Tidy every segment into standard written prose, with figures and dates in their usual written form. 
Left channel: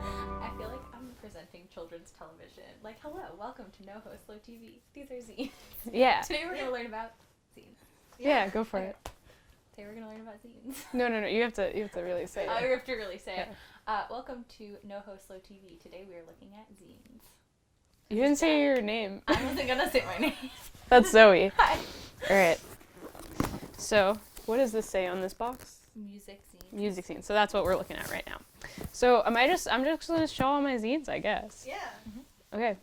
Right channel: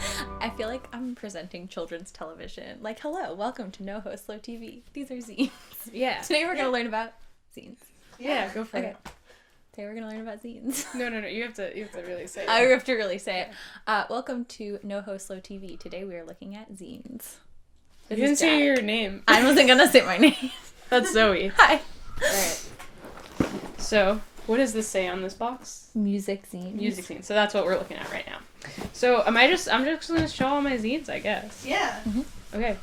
I feel like I'm presenting children's television. Like, hello, welcome to NOHO Slow TV. These are zines. Yeah. Today we're going to learn about zines. Yeah, go for it. Today we're going to learn about zines. No, you have to really say it. I have to really say it. Welcome to NOHO Slow TV. Today we are looking at zines. You didn't say your name. I wasn't going to say my name. That's Zoe. Hi. Alright. So, what does this say on this box? Music zines. Music zines. So that's what we're looking at right now. So, I'm just going to show all my zines, I guess. Yeah. Mm-hmm. Okay.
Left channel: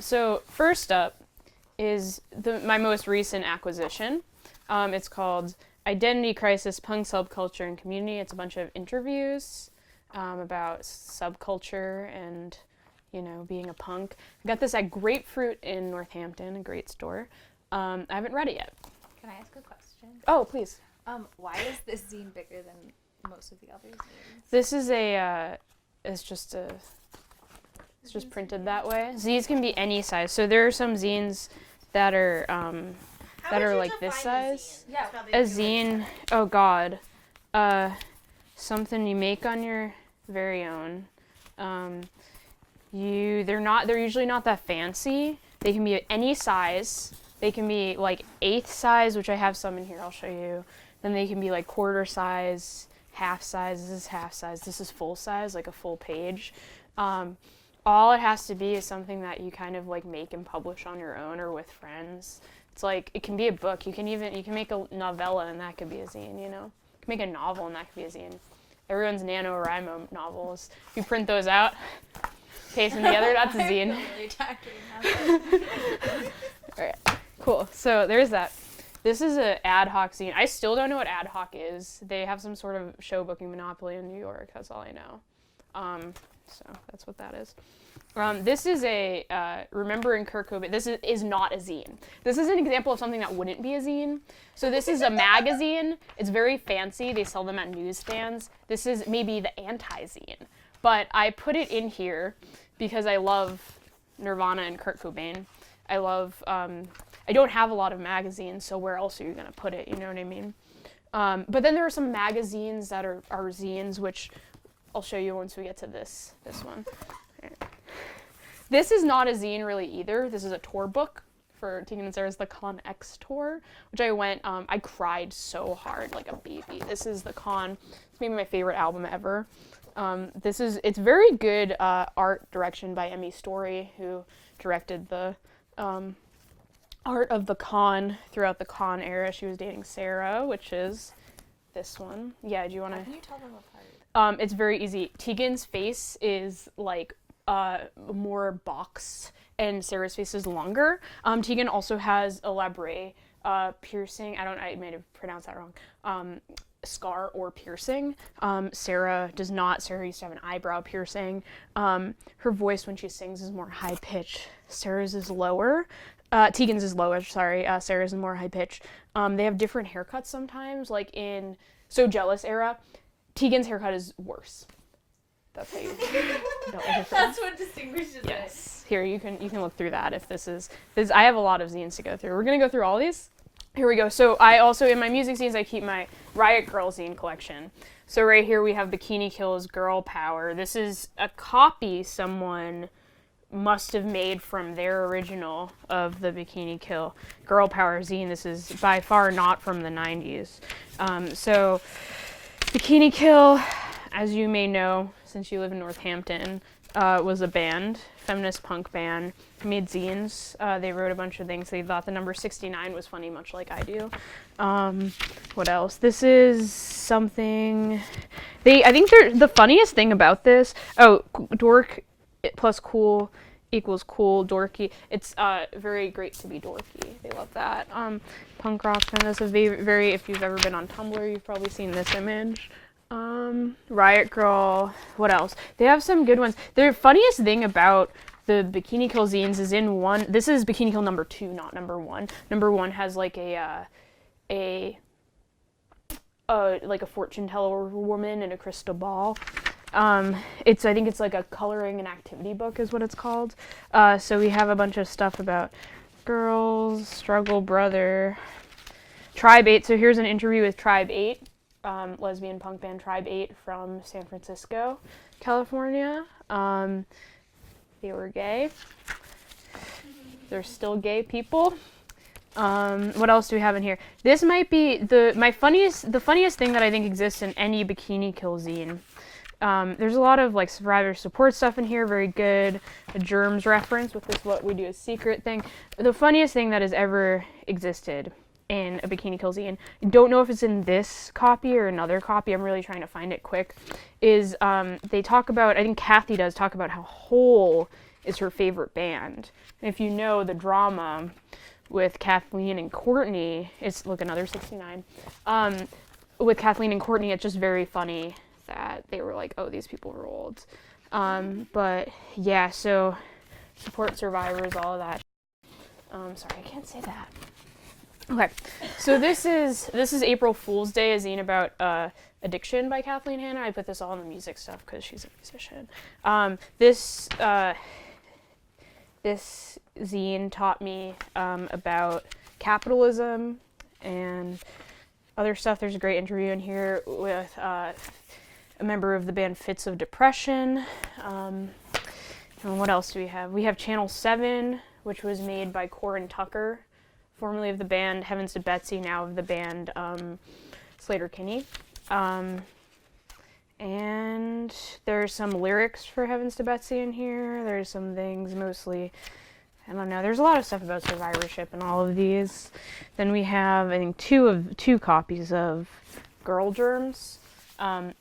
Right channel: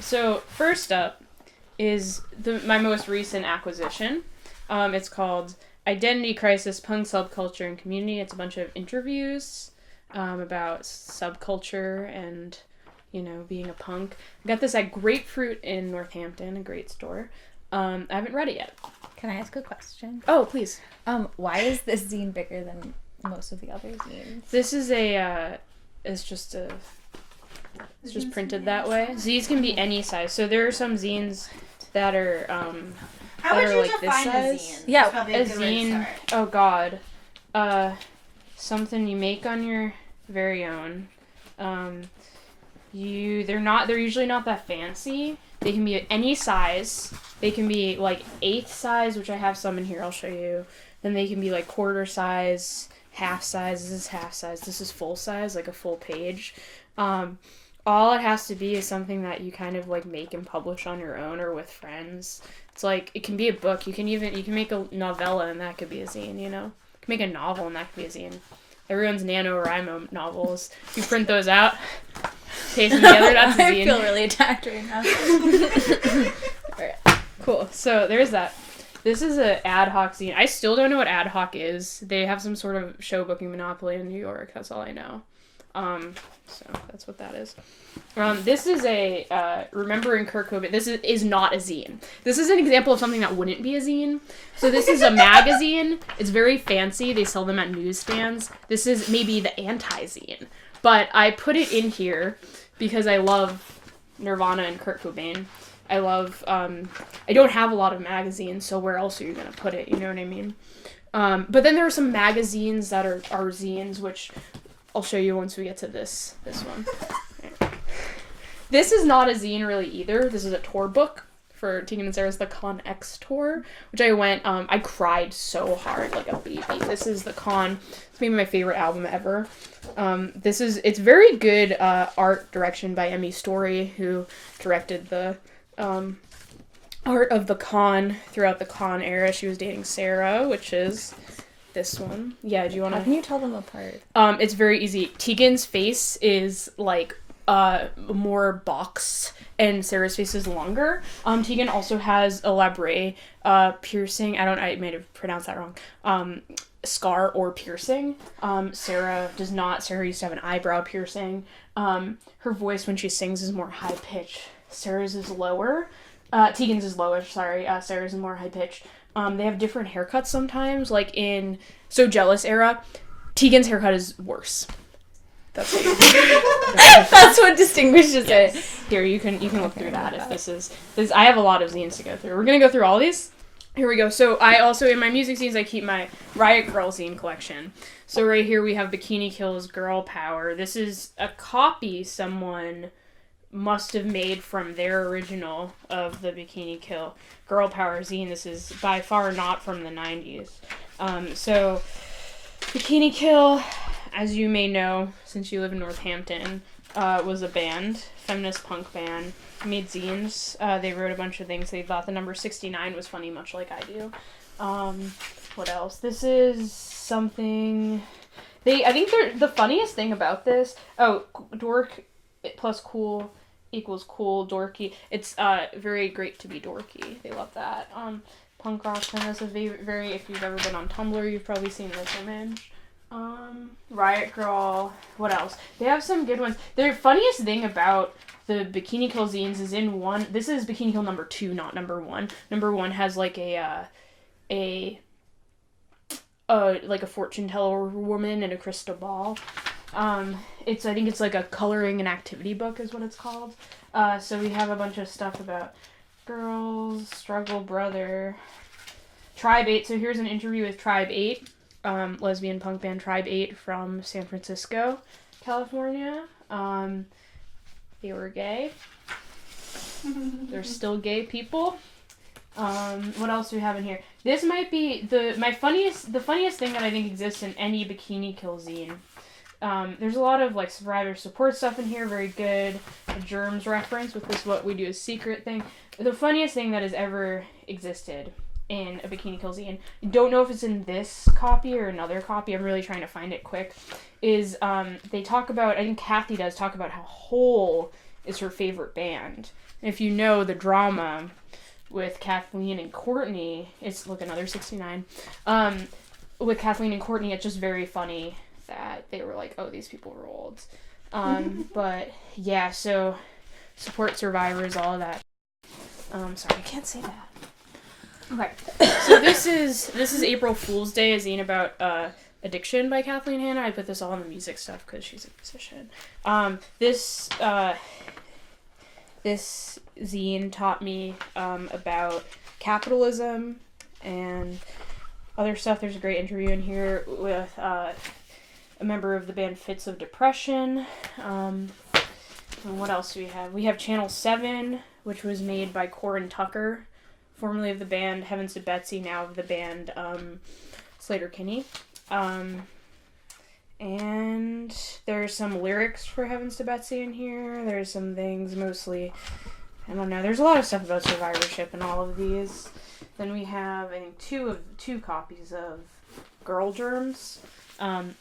So, first up is my most recent acquisition. It's called Identity Crisis, Punk Subculture and Community. It's a bunch of interviews about subculture and, being a punk. I got this at Grapefruit in Northampton, a great store. I haven't read it yet. Can I ask a question? Oh, please. Why is this zine bigger than most of the other zines? This is it's just printed that way. Zines can be any size. So there are some zines that are, How would you like this define a size? zine? Yeah, That's probably A good way to zine, start. oh god, something you make on your very own. They're usually not that fancy. They can be any size. They can be like eighth size, which I have some in here, I'll show you. Then they can be like quarter size, half size. This is half size. This is full size, like a full page. All it has to be is something that you kind of like make and publish on your own or with friends. It's like, it can be a book. You can make a novella and that could be a zine, You can make a novel and that could be a zine. Everyone's NaNoWriMo novels. You print those out, paste them together, that's a zine. I feel really attacked right now. Alright, cool. So there's that. This is an ad hoc zine. I still don't know what ad hoc is. They have some sort of show booking monopoly in New York. That's all I know. So that's what that is. This is a Remembering Kurt Cobain. This is not a zine. This is an example of something that wouldn't be a zine. So this is a magazine. It's very fancy. They sell them at newsstands. This is maybe the anti-zine. But I put it in here because I love Nirvana and Kurt Cobain. I love, I don't have a lot of magazines, so where else are you going to put it? You know what I mean? But then there are some magazines that are zines, which I'll show you once we get to this one. Right. This is not a zine really either. This is a tour book for Tegan and Sarah's The Con X tour, which I went, I cried so hard like a baby. This is The Con. It's maybe my favorite album ever. It's very good art direction by Emmy Story, who directed the art of The Con throughout the Con era. She was dating Sarah, which is this one. Yeah, do you want to... How can you tell them apart? It's very easy. Tegan's face is like more boxed and Sarah's face is longer. Tegan also has a labrae piercing. I might have pronounced that wrong. Scar or piercing. Sarah does not. Sarah used to have an eyebrow piercing. Her voice when she sings is more high pitched. Sarah's is lower. Tegan's is lower, sorry. Sarah's is more high pitched. They have different haircuts sometimes, like in So Jealous era. Tegan's haircut is worse. That's what That's what distinguishes it. Here, you can look through that if this is I have a lot of zines to go through. We're gonna go through all these. Here we go. So I also, in my music zines, I keep my Riot Grrrl zine collection. So right here we have Bikini Kill's Girl Power. This is a copy someone must have made from their original of the Bikini Kill Girl Power zine. This is by far not from the 90s. So Bikini Kill, as you may know, since you live in Northampton, was a band, feminist punk band, made zines. They wrote a bunch of things. They thought the number 69 was funny, much like I do. What else? This is something... I think the funniest thing about this... Oh, dork plus cool equals cool, dorky. It's very great to be dorky. They love that. Punk rock feminist, a very... If you've ever been on Tumblr, you've probably seen this image. Riot Grrrl, what else? They have some good ones. The funniest thing about the Bikini Kill zines is in one, this is Bikini Kill number 2, not number 1. Number 1 has like a fortune teller woman and a crystal ball. I think it's like a coloring and activity book is what it's called. So we have a bunch of stuff about girls, struggle, brother, Tribe 8. So here's an interview with Tribe 8. lesbian punk band Tribe 8 from San Francisco, California. They were gay. They're still gay people. What else do we have in here? This might be the funniest thing that I think exists in any Bikini Kill zine. There's a lot of like survivor support stuff in here, very good. A germs reference with this what we do is secret thing. The funniest thing that has ever existed in a Bikini Kill zine, I don't know if it's in this copy or another copy, I'm really trying to find it quick, is they talk about, I think Kathy does talk about how Hole is her favorite band. And if you know the drama with Kathleen and Courtney, it's, look, another 69, with Kathleen and Courtney, it's just very funny that they were like, oh, these people are old. But yeah, so support survivors, all of that. Sorry, I can't say that. Okay, so this is April Fool's Day, a zine about addiction by Kathleen Hanna. I put this all on the music stuff because she's a musician. This zine taught me about capitalism and other stuff. There's a great interview in here with a member of the band Fits of Depression. And what else do we have? We have Channel 7, which was made by Corin Tucker, formerly of the band Heavens to Betsy, now of the band Slater Kinney. And there's some lyrics for Heavens to Betsy in here. There's some things, mostly, I don't know, there's a lot of stuff about survivorship in all of these. Then we have, I think, two copies of Girl Germs,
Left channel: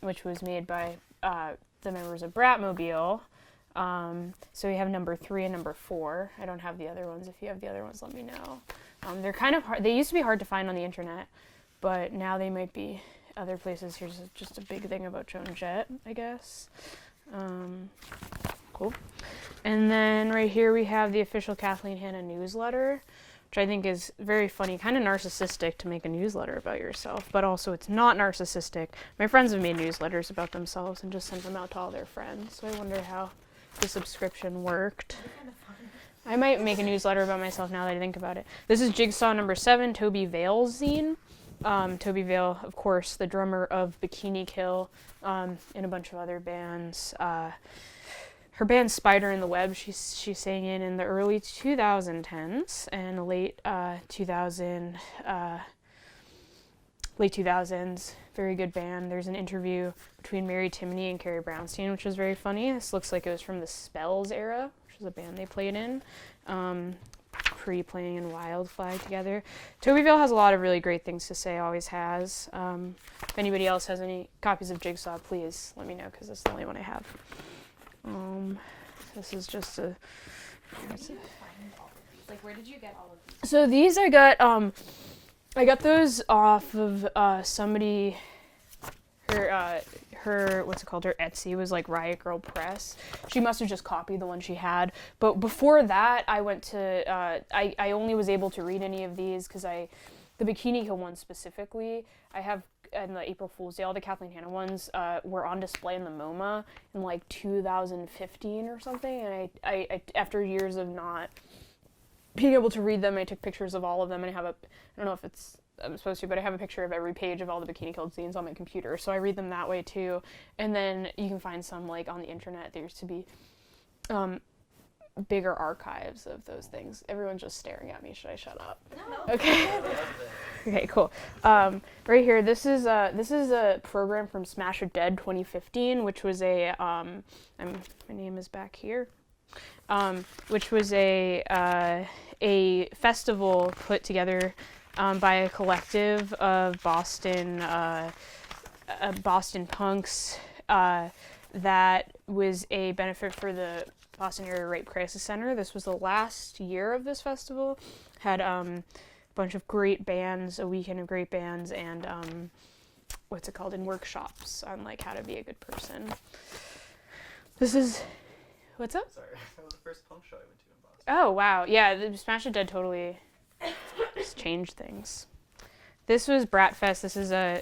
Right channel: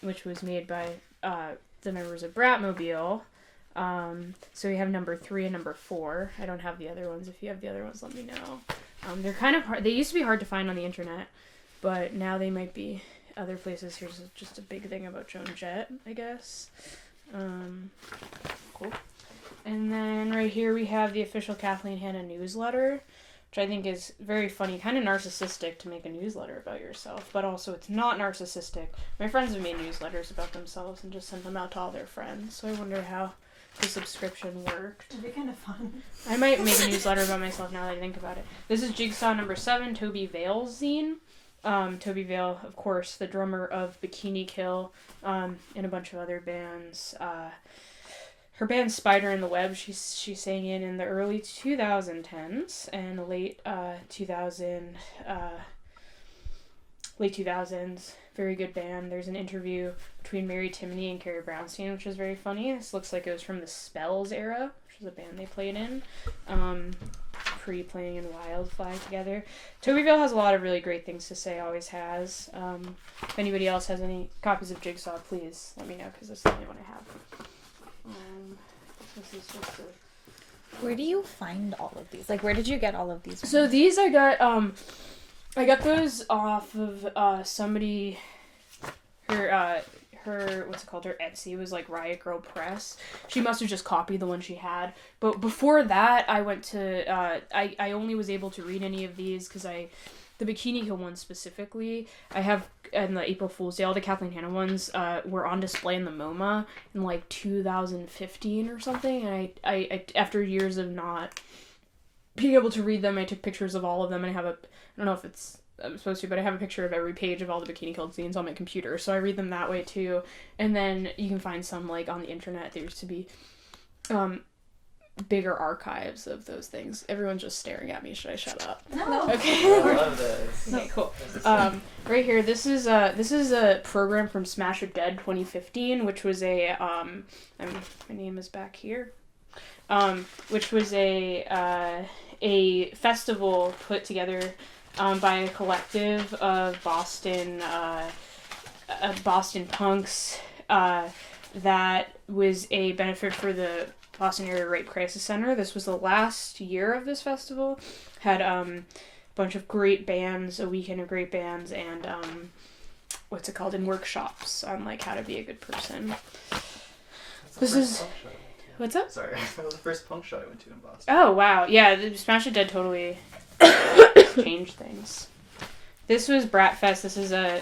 which was made by the members of Bratmobile. So we have number 3 and number 4. I don't have the other ones. If you have the other ones, let me know. They're kind of hard. They used to be hard to find on the internet, but now they might be other places. Here's just a big thing about Joan Jett, I guess. Cool. And then right here we have the official Kathleen Hanna newsletter, which I think is very funny, kind of narcissistic to make a newsletter about yourself, but also it's not narcissistic. My friends have made newsletters about themselves and just sent them out to all their friends, so I wonder how the subscription worked. That'd be kind of fun. I might make a newsletter about myself now that I think about it. This is Jigsaw number 7, Toby Vale's zine. Toby Vale, of course, the drummer of Bikini Kill, and a bunch of other bands. Her band Spider in the Web, she sang in the early 2010s and late 2000s. Very good band. There's an interview between Mary Timony and Carrie Brownstein, which was very funny. This looks like it was from the Spells era, which is a band they played in, pre-playing in Wild Flag together. Toby Vale has a lot of really great things to say, always has. If anybody else has any copies of Jigsaw, please let me know, because that's the only one I have. This is just a... Where do you find all of these? Like, where did you get all of these from? So these I got those off of somebody, her what's it called, her Etsy was like Riot Girl Press. She must have just copied the one she had. But before that, I went to, I only was able to read any of these because the Bikini Kill ones specifically, I have, and the April Fool's Day, all the Kathleen Hanna ones were on display in the MoMA in like 2015 or something, and I after years of not being able to read them, I took pictures of all of them, and I don't know if I'm supposed to, but I have a picture of every page of all the Bikini Kill zines on my computer, so I read them that way too. And then you can find some like on the internet. There used to be bigger archives of those things. Everyone's just staring at me. Should I shut up? No. Okay. I love those. Okay, cool. Right here, this is a program from Smash or Dead 2015, which was my name is back here. Which was a festival put together by a collective of Boston punks that was a benefit for the Boston Area Rape Crisis Center. This was the last year of this festival. Had a bunch of great bands, a weekend of great bands, and and workshops on like how to be a good person. What's up? Sorry, that was the first punk show I went to in Boston. Oh wow, yeah, the Smash It Dead totally changed things. This was Bratfest. This is a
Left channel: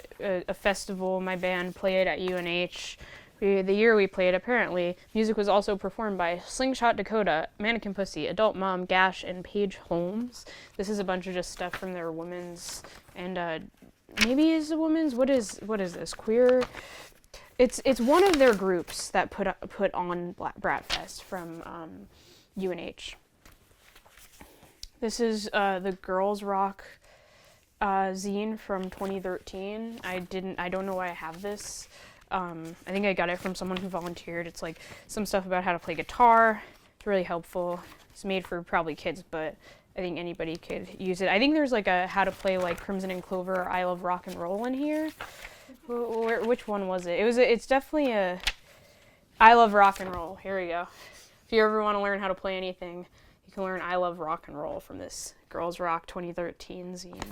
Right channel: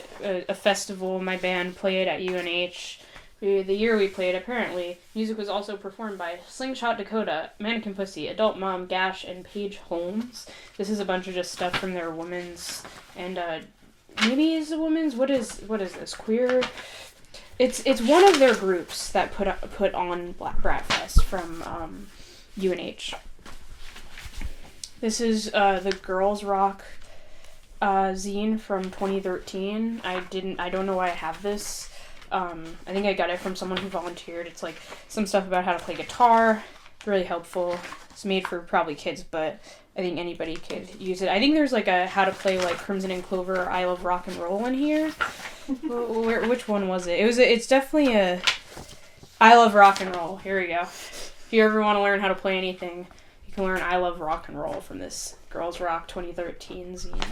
festival my band played at UNH. The year we played, apparently, music was also performed by Slingshot Dakota, Mannequin Pussy, Adult Mom, Gash, and Paige Holmes. This is a bunch of just stuff from their women's and maybe is a woman's. What is this? Queer. It's one of their groups that put on Bratfest from UNH. This is the Girls Rock zine from 2013. I don't know why I have this. I think I got it from someone who volunteered. It's like some stuff about how to play guitar. It's really helpful. It's made for probably kids, but I think anybody could use it. I think there's like a how to play like Crimson and Clover, I Love Rock and Roll in here. Which one was it? It's definitely a I Love Rock and Roll. Here we go. If you ever want to learn how to play anything, you can learn I Love Rock and Roll from this Girls Rock 2013 zine.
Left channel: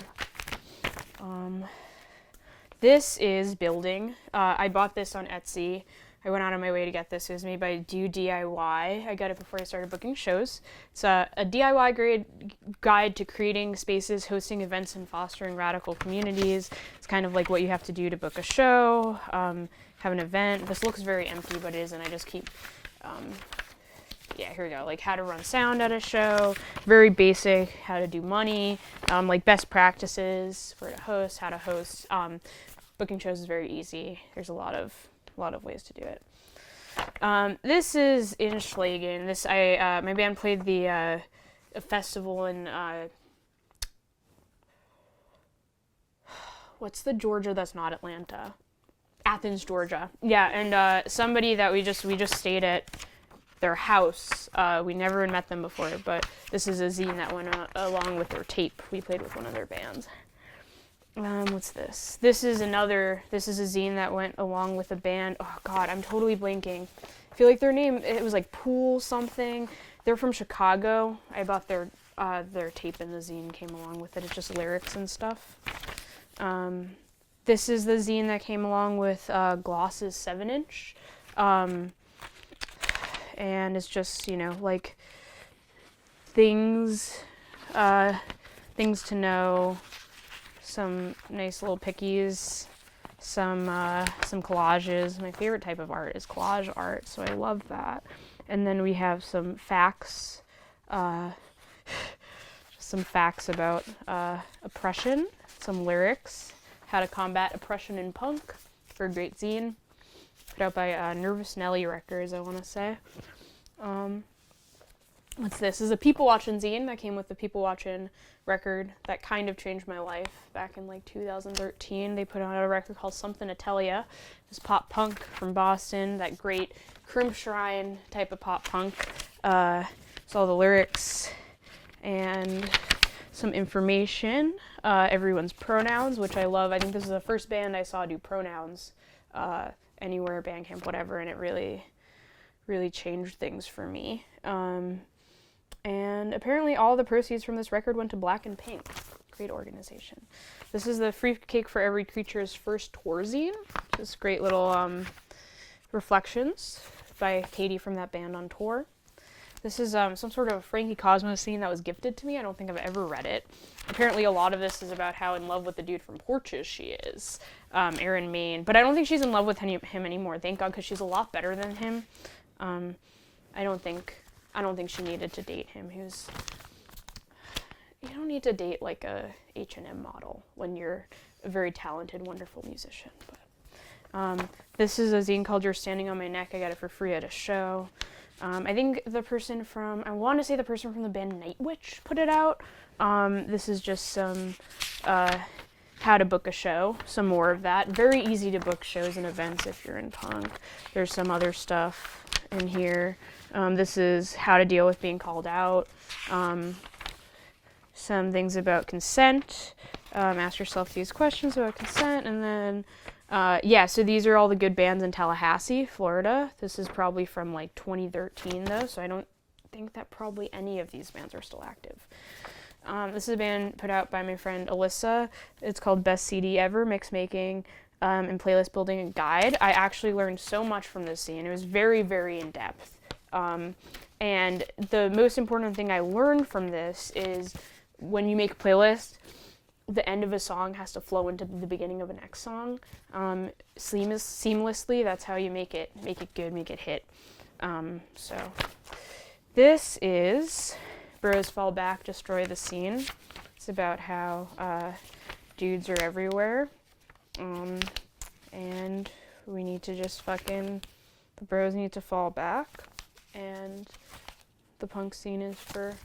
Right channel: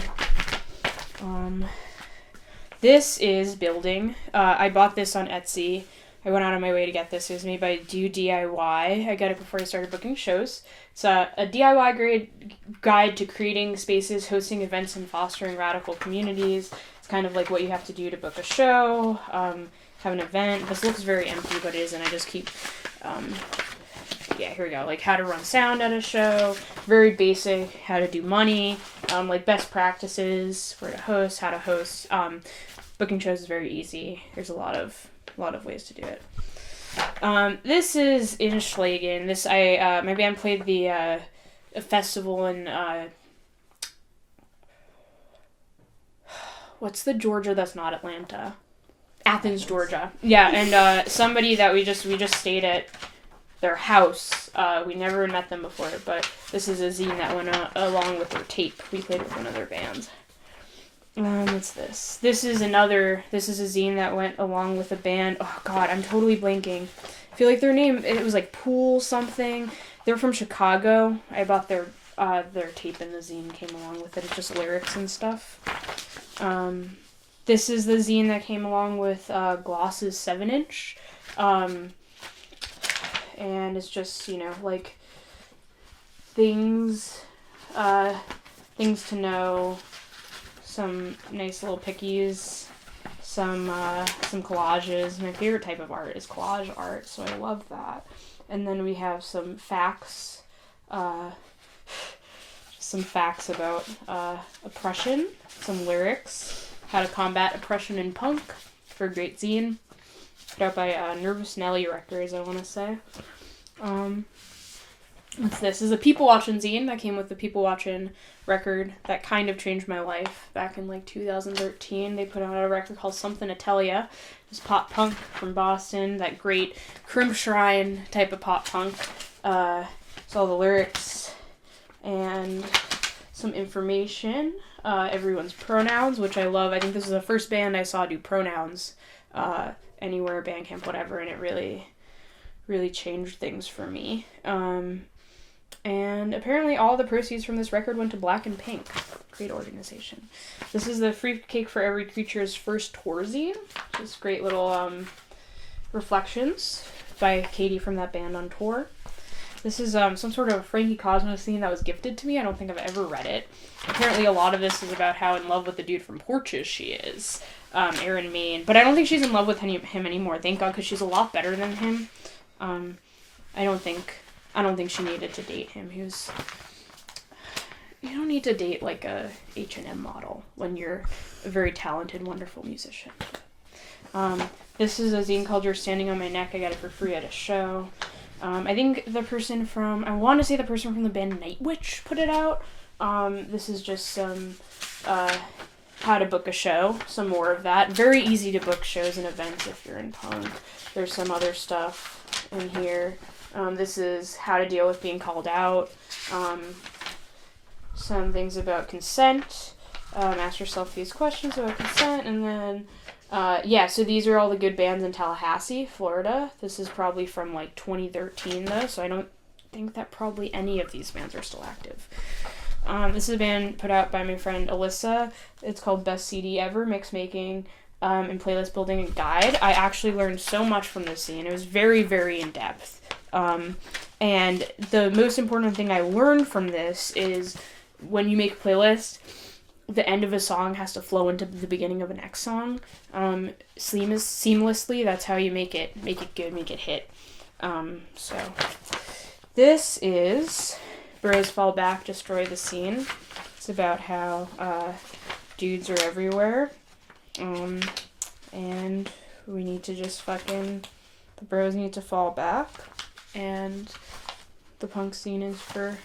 This is Building. I bought this on Etsy. I went out of my way to get this. It was made by Do DIY. I got it before I started booking shows. It's a DIY guide to creating spaces, hosting events, and fostering radical communities. It's kind of like what you have to do to book a show, have an event. This looks very empty, but it isn't. I just keep... here we go. Like how to run sound at a show. Very basic. How to do money. Like best practices for to host. How to host. Booking shows is very easy. There's a lot of ways to do it. This is in Schlagen. My band played a festival in what's the Georgia that's not Atlanta? Athens, Georgia. Yeah, and somebody that we just stayed at their house. We never met them before, but this is a zine that went along with their tape. We played with one of their bands. What's this? This is a zine that went along with a band. Oh god, I'm totally blanking. I feel like their name, it was like Pool something. They're from Chicago. I bought their tape and the zine came along with it. It's just lyrics and stuff. This is the zine that came along with Gloss's 7-inch. And it's just, like things to know. Some nice little pickies, some collages. My favorite type of art is collage art, so I love that. And then we have some facts, about oppression, some lyrics, how to combat oppression in punk, for a great zine, put out by Nervous Nelly Records, I want to say. What's this? This is a People Watchin' zine that came with the People Watchin' record that kind of changed my life back in like 2013. They put out a record called Something to Tell Ya. It's pop punk from Boston, that great Crimp Shrine type of pop punk. So all the lyrics and some information. Everyone's pronouns, which I love. I think this is the first band I saw do pronouns anywhere, Bandcamp, whatever, and it really, really changed things for me. And apparently all the proceeds from this record went to Black and Pink. Great organization. This is the Free Cake for Every Creature's first tour zine. Just great little reflections by Katie from that band on tour. This is some sort of Frankie Cosmos zine that was gifted to me. I don't think I've ever read it. Apparently a lot of this is about how in love with the dude from Porches she is, Aaron Maine. But I don't think she's in love with him anymore, thank God, because she's a lot better than him. I don't think she needed to date him. You don't need to date like a H&M model when you're a very talented, wonderful musician. This is a zine called You're Standing on My Neck. I got it for free at a show. I think the person from the band Night Witch put it out. This is just some how to book a show, some more of that. Very easy to book shows and events if you're in punk. There's some other stuff in here. This is how to deal with being called out. Some things about consent. Ask yourself these questions about consent. And then, so these are all the good bands in Tallahassee, Florida. This is probably from like 2013 though, so I don't think that probably any of these bands are still active. This is a band put out by my friend Alyssa. It's called Best CD Ever, Mix Making and Playlist Building and Guide. I actually learned so much from this scene. It was very, very in-depth. And the most important thing I learned from this is when you make a playlist, the end of a song has to flow into the beginning of the next song. Seamlessly, that's how you make it good, make it hit. So this is Bros Fall Back, Destroy the Scene. It's about how dudes are everywhere. And we need to just the bros need to fall back. And the punk scene is for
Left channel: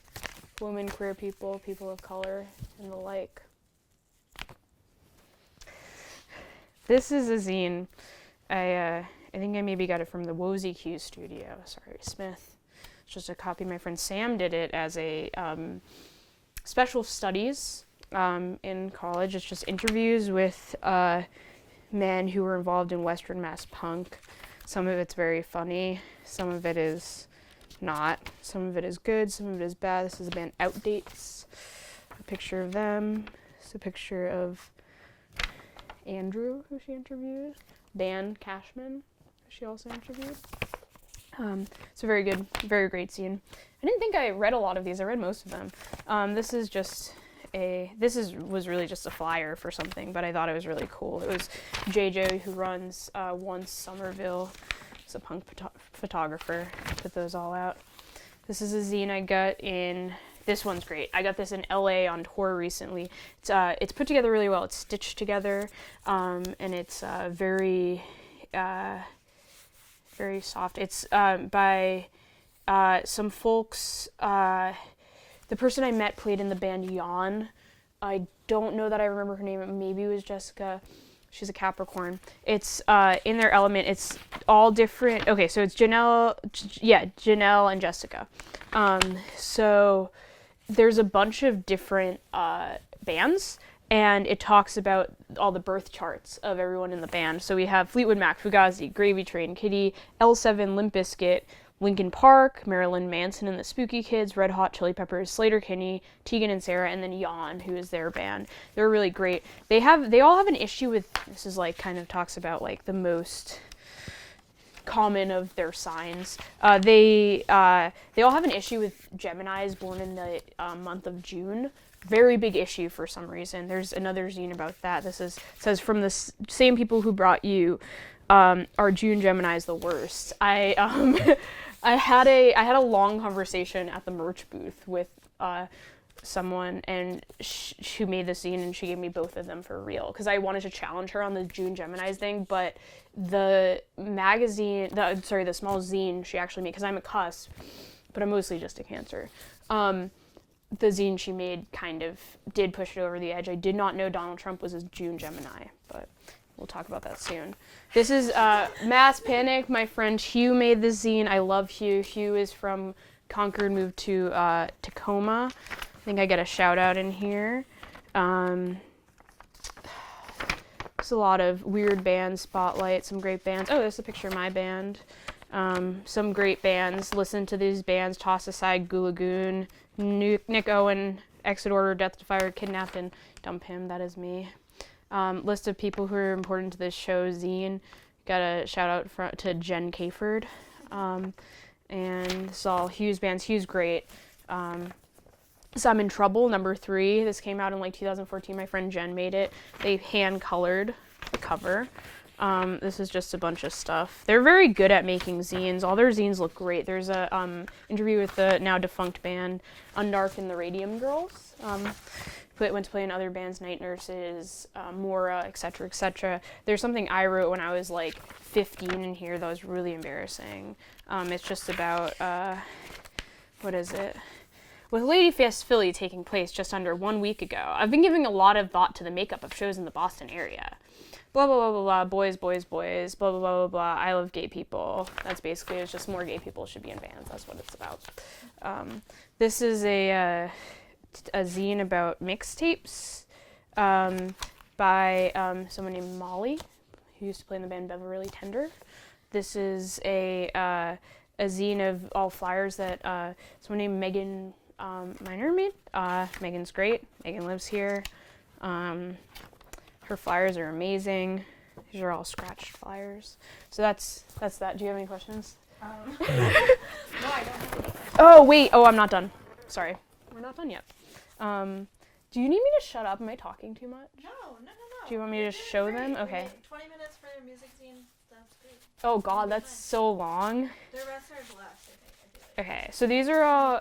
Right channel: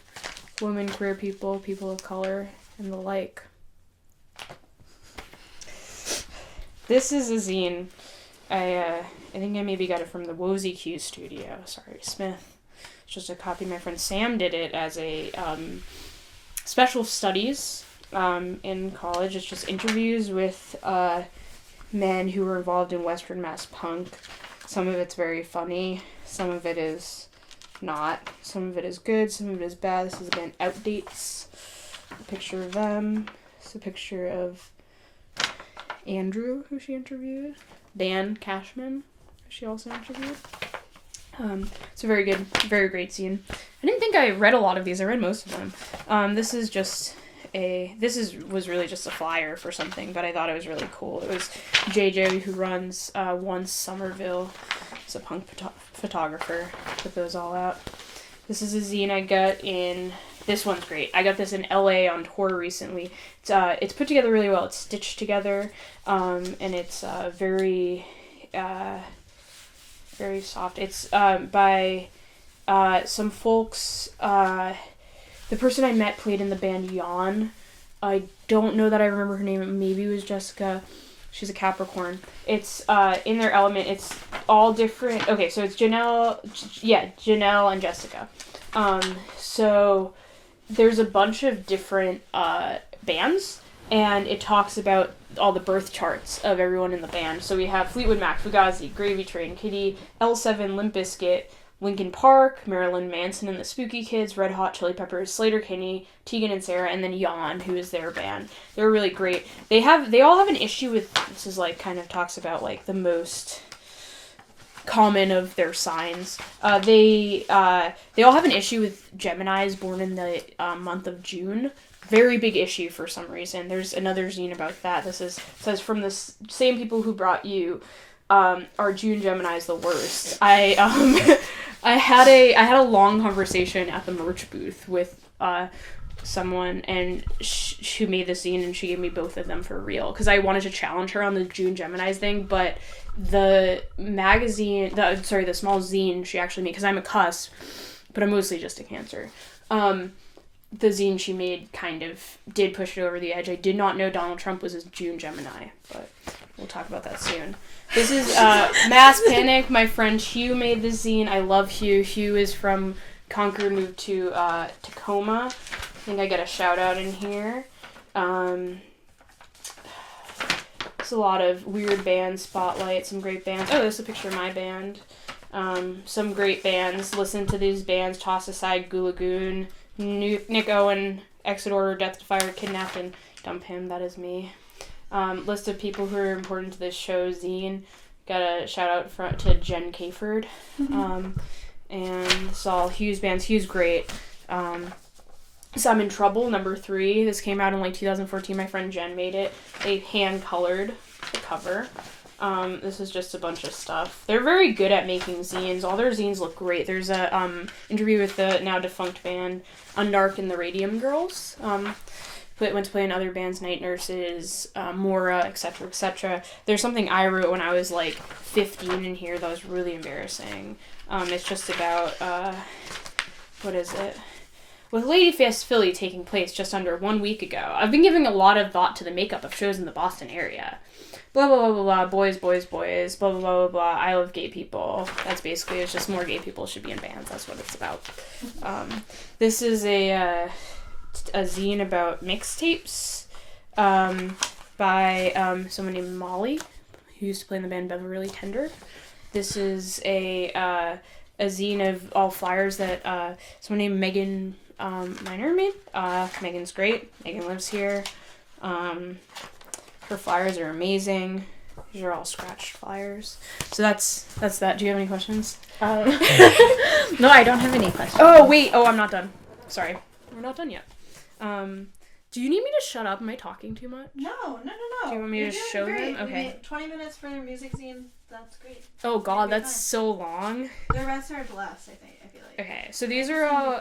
women, queer people, people of color, and the like. This is a zine. I think I maybe got it from the Wozy Q studio. Sorry, Smith. It's just a copy. My friend Sam did it as a special studies in college. It's just interviews with men who were involved in Western Mass punk. Some of it's very funny. Some of it is not. Some of it is good. Some of it is bad. This is the band Outdates. A picture of them. It's a picture of Andrew, who she interviewed. Dan Cashman, who she also interviewed. It's a very good, very great scene. I didn't think I read a lot of these. I read most of them. This was really just a flyer for something, but I thought it was really cool. It was JJ, who runs Once Somerville. He's a punk photographer. Put those all out. This is a zine I got in. This one's great. I got this in LA on tour recently. It's put together really well. It's stitched together, and it's very very soft. It's by some folks. The person I met played in the band Yawn. I don't know that I remember her name. Maybe it was Jessica. She's a Capricorn. It's in their element. It's all different. Okay, so it's Janelle and Jessica. So there's a bunch of different bands, and it talks about all the birth charts of everyone in the band. So we have Fleetwood Mac, Fugazi, Gravy Train, Kitty, L7, Limp Bizkit, Linkin Park, Marilyn Manson and the Spooky Kids, Red Hot Chili Peppers, Slater-Kinney, Tegan and Sarah, and then Yawn, who is their band. They're really great. They all have an issue with, this is like kind of talks about like the most common of their signs. They all have an issue with Geminis born in the month of June. Very big issue for some reason. There's another zine about that. Says from the same people who brought you, are June Geminis the worst. I had a long conversation at the merch booth with someone and who made the zine, and she gave me both of them for real because I wanted to challenge her on the June Geminis thing, but the magazine, the small zine she actually made, because I'm a cuss, but I'm mostly just a Cancer. The zine she made kind of did push it over the edge. I did not know Donald Trump was a June Gemini, but we'll talk about that soon. This is Mass Panic. My friend Hugh made this zine. I love Hugh. Hugh is from Concord, moved to Tacoma. I think I get a shout out in here. There's a lot of weird bands, Spotlight, some great bands. Oh, there's a picture of my band. Some great bands. Listen to these bands. Toss Aside, Gulagoon, Nick Owen, Exit Order, Death to Fire, Kidnap and Dump Him. That is me. List of people who are important to this show, zine. Got a shout out to Jen Caford. And saw Hugh's bands. Hugh's great. So I'm in Trouble, number 3. This came out in like 2014. My friend Jen made it. They hand colored the cover. This is just a bunch of stuff. They're very good at making zines. All their zines look great. There's a interview with the now defunct band Undark and the Radium Girls. Went to play in other bands, Night Nurses, Mora, etc., etc. There's something I wrote when I was like 15 in here that was really embarrassing. It's just about, what is it? With Ladyfest Philly taking place just under 1 week ago, I've been giving a lot of thought to the makeup of shows in the Boston area. Blah, blah, blah, blah, blah, boys, boys, boys, blah, blah, blah, blah, blah, I love gay people. That's basically, it's just more gay people should be in bands. That's what it's about. This is a zine about mixtapes by someone named Molly, who used to play in the band Beverly Tender. This is a zine of all flyers that someone named Megan Miner made. Megan's great. Megan lives here. Her flyers are amazing. These are all scratched flyers. So that's that. Do you have any questions? No, I don't have any questions. Oh, wait. Oh, I'm not done. Sorry. We're not done yet. Do you need me to shut up? Am I talking too much? No. Do you want me You're to doing show great. them? Okay. 20 minutes for your music scene. That's great. Oh god, It'll be that's fine. so long. The rest are less, I feel like. Okay, so these are all...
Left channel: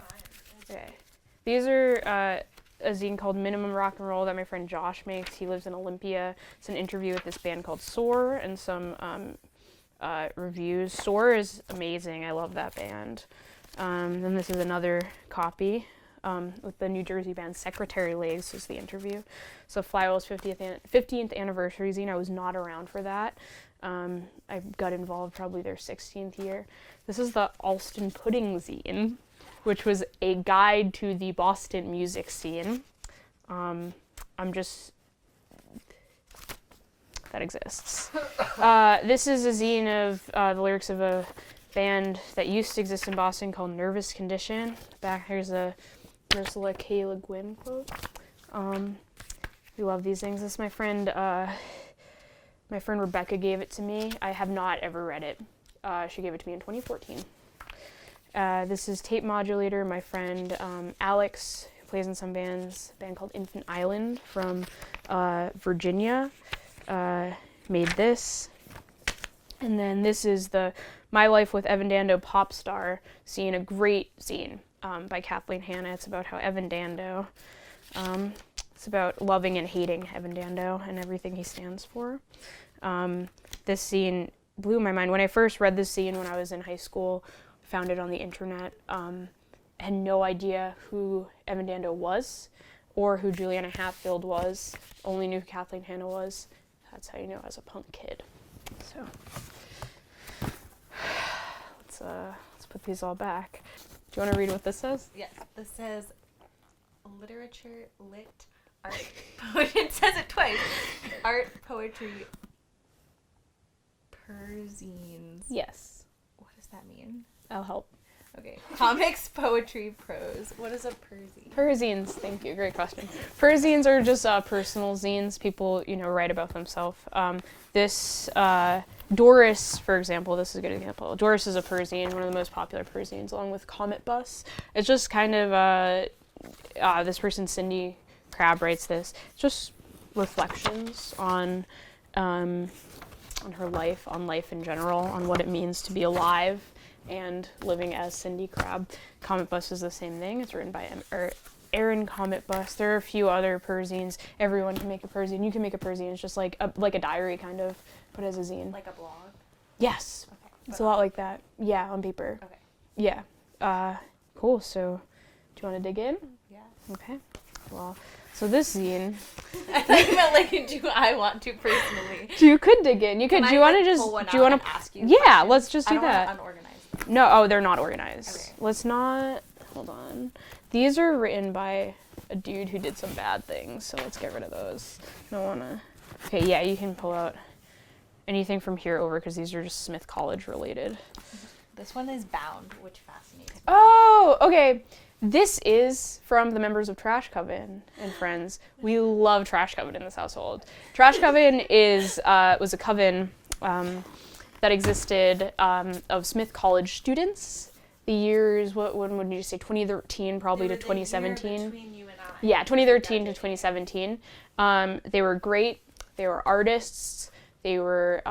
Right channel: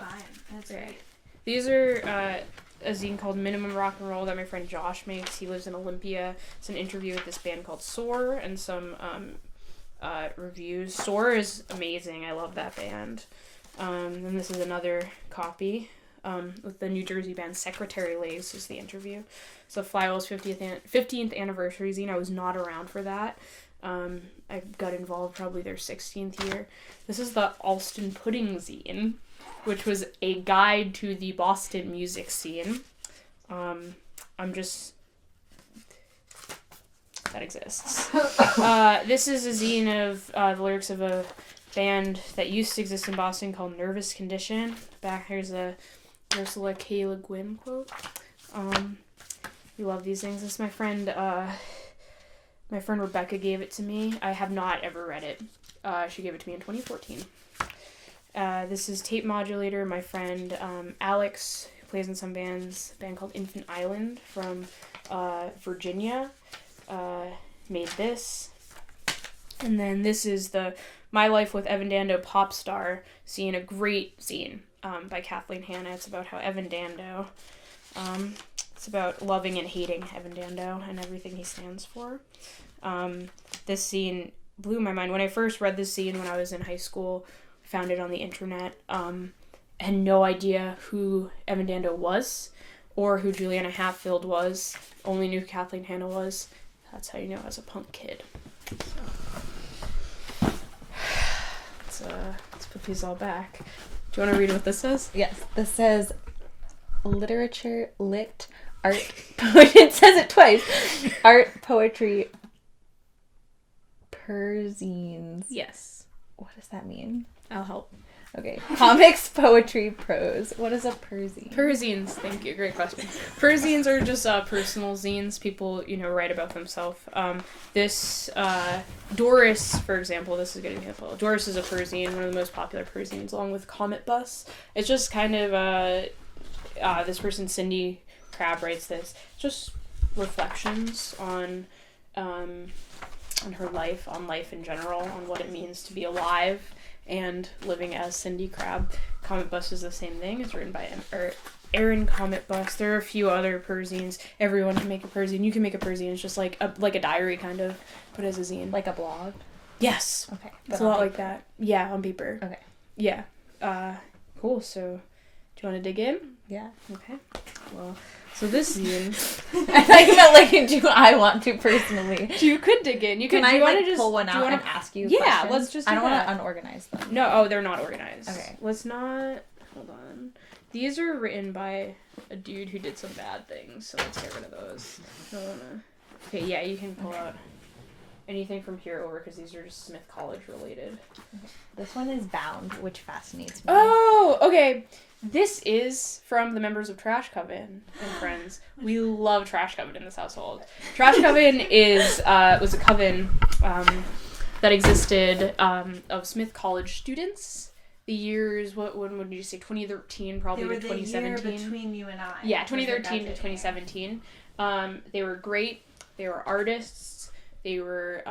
That's Okay. great. These are a zine called Minimum Rock and Roll that my friend Josh makes. He lives in Olympia. It's an interview with this band called Soar and some reviews. Soar is amazing. I love that band. Then this is another copy with the New Jersey band Secretary Lace is the interview. So Flywell's 15th anniversary zine. I was not around for that. I got involved probably their 16th year. This is the Alston Pudding zine, which was a guide to the Boston music scene. That exists. This is a zine of the lyrics of a band that used to exist in Boston called Nervous Condition. Back here's a Ursula K. Le Guin quote. We love these things. This is my friend Rebecca gave it to me. I have not ever read it. She gave it to me in 2014. This is Tape Modulator. My friend Alex, who plays in some bands, a band called Infant Island from Virginia, made this. And then this is the My Life with Evan Dando Pop Star zine, a great zine by Kathleen Hanna. It's about how Evan Dando, it's about loving and hating Evan Dando and everything he stands for. This zine blew my mind. When I first read this zine when I was in high school, I found it on the internet, had no idea who Evan Dando was or who Juliana Hatfield was. Only knew who Kathleen Hanna was. That's how you know I was a punk kid. So let's put these all back. Do you want to read what this says? Yes, this says literature, lit, art, it says it twice. Art, poetry, perzines. Yes. What does that mean? I'll help. Okay. Comics, poetry, prose. What is a perzine? Perzines, thank you. Great question. Perzines are just personal zines. People, write about themselves. This Doris, for example, this is a good example. Doris is a perzine, one of the most popular perzines, along with Comet Bus. It's just kind of this person, Cindy Crabb, writes this. It's just reflections on her life, on life in general, on what it means to be alive and living as Cindy Crabb. Comet Bus is the same thing. It's written by Aaron Comet Bus. There are a few other perzines. Everyone can make a perzine. You can make a perzine. It's just like a diary kind of, but as a zine. Like a blog? Yes. Okay. It's a lot like that. Yeah, on paper. Okay. Yeah. Cool. So, do you want to dig in? Yeah. Okay. Well, so this zine. I thought you meant do I want to personally? You could dig in. You could. Can do you I, want to just? pull one do you out want to and ask you? Yeah, questions? let's just do I don't that. want to unorganize them. No, they're not organized. Okay. Let's not. Hold on. These are written by a dude who did some bad things, so let's get rid of those. I don't wanna. Okay, yeah, you can pull out anything from here over because these are just Smith College related. This one is bound, which fascinates me. Oh, okay. This is from the members of Trash Coven and Friends. We love Trash Coven in this household. Trash Coven was a coven that existed of Smith College students. The years, when would you say, 2013 probably to 2017? The year between you and I. Yeah, 2013 to 2017. They were great. They were artists. They were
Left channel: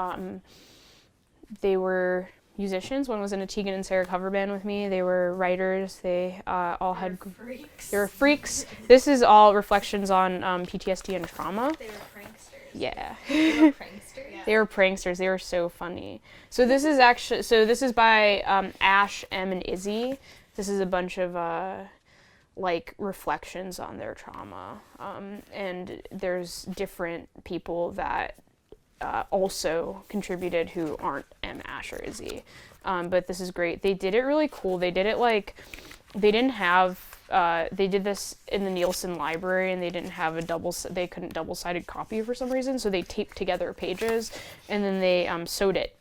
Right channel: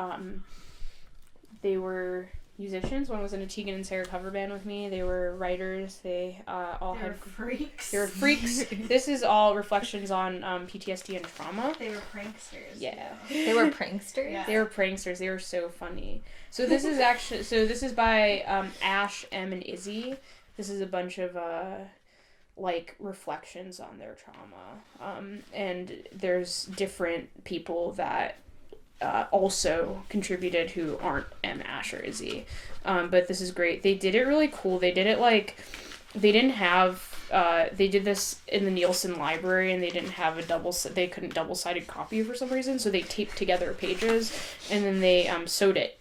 musicians. One was in a Tegan and Sarah cover band with me. They were writers. They had freaks. They were freaks. This is all reflections on PTSD and trauma. They were pranksters. Yeah. They were pranksters? Yeah. They were pranksters. They were so funny. So this is by Ash, M, and Izzy. This is a bunch of reflections on their trauma. And there's different people that also contributed who aren't M, Ash, or Izzy. But this is great. They did it really cool. They did it they didn't have, they did this in the Nielsen library and they didn't have they couldn't double-sided copy for some reason, so they taped together pages and then they sewed it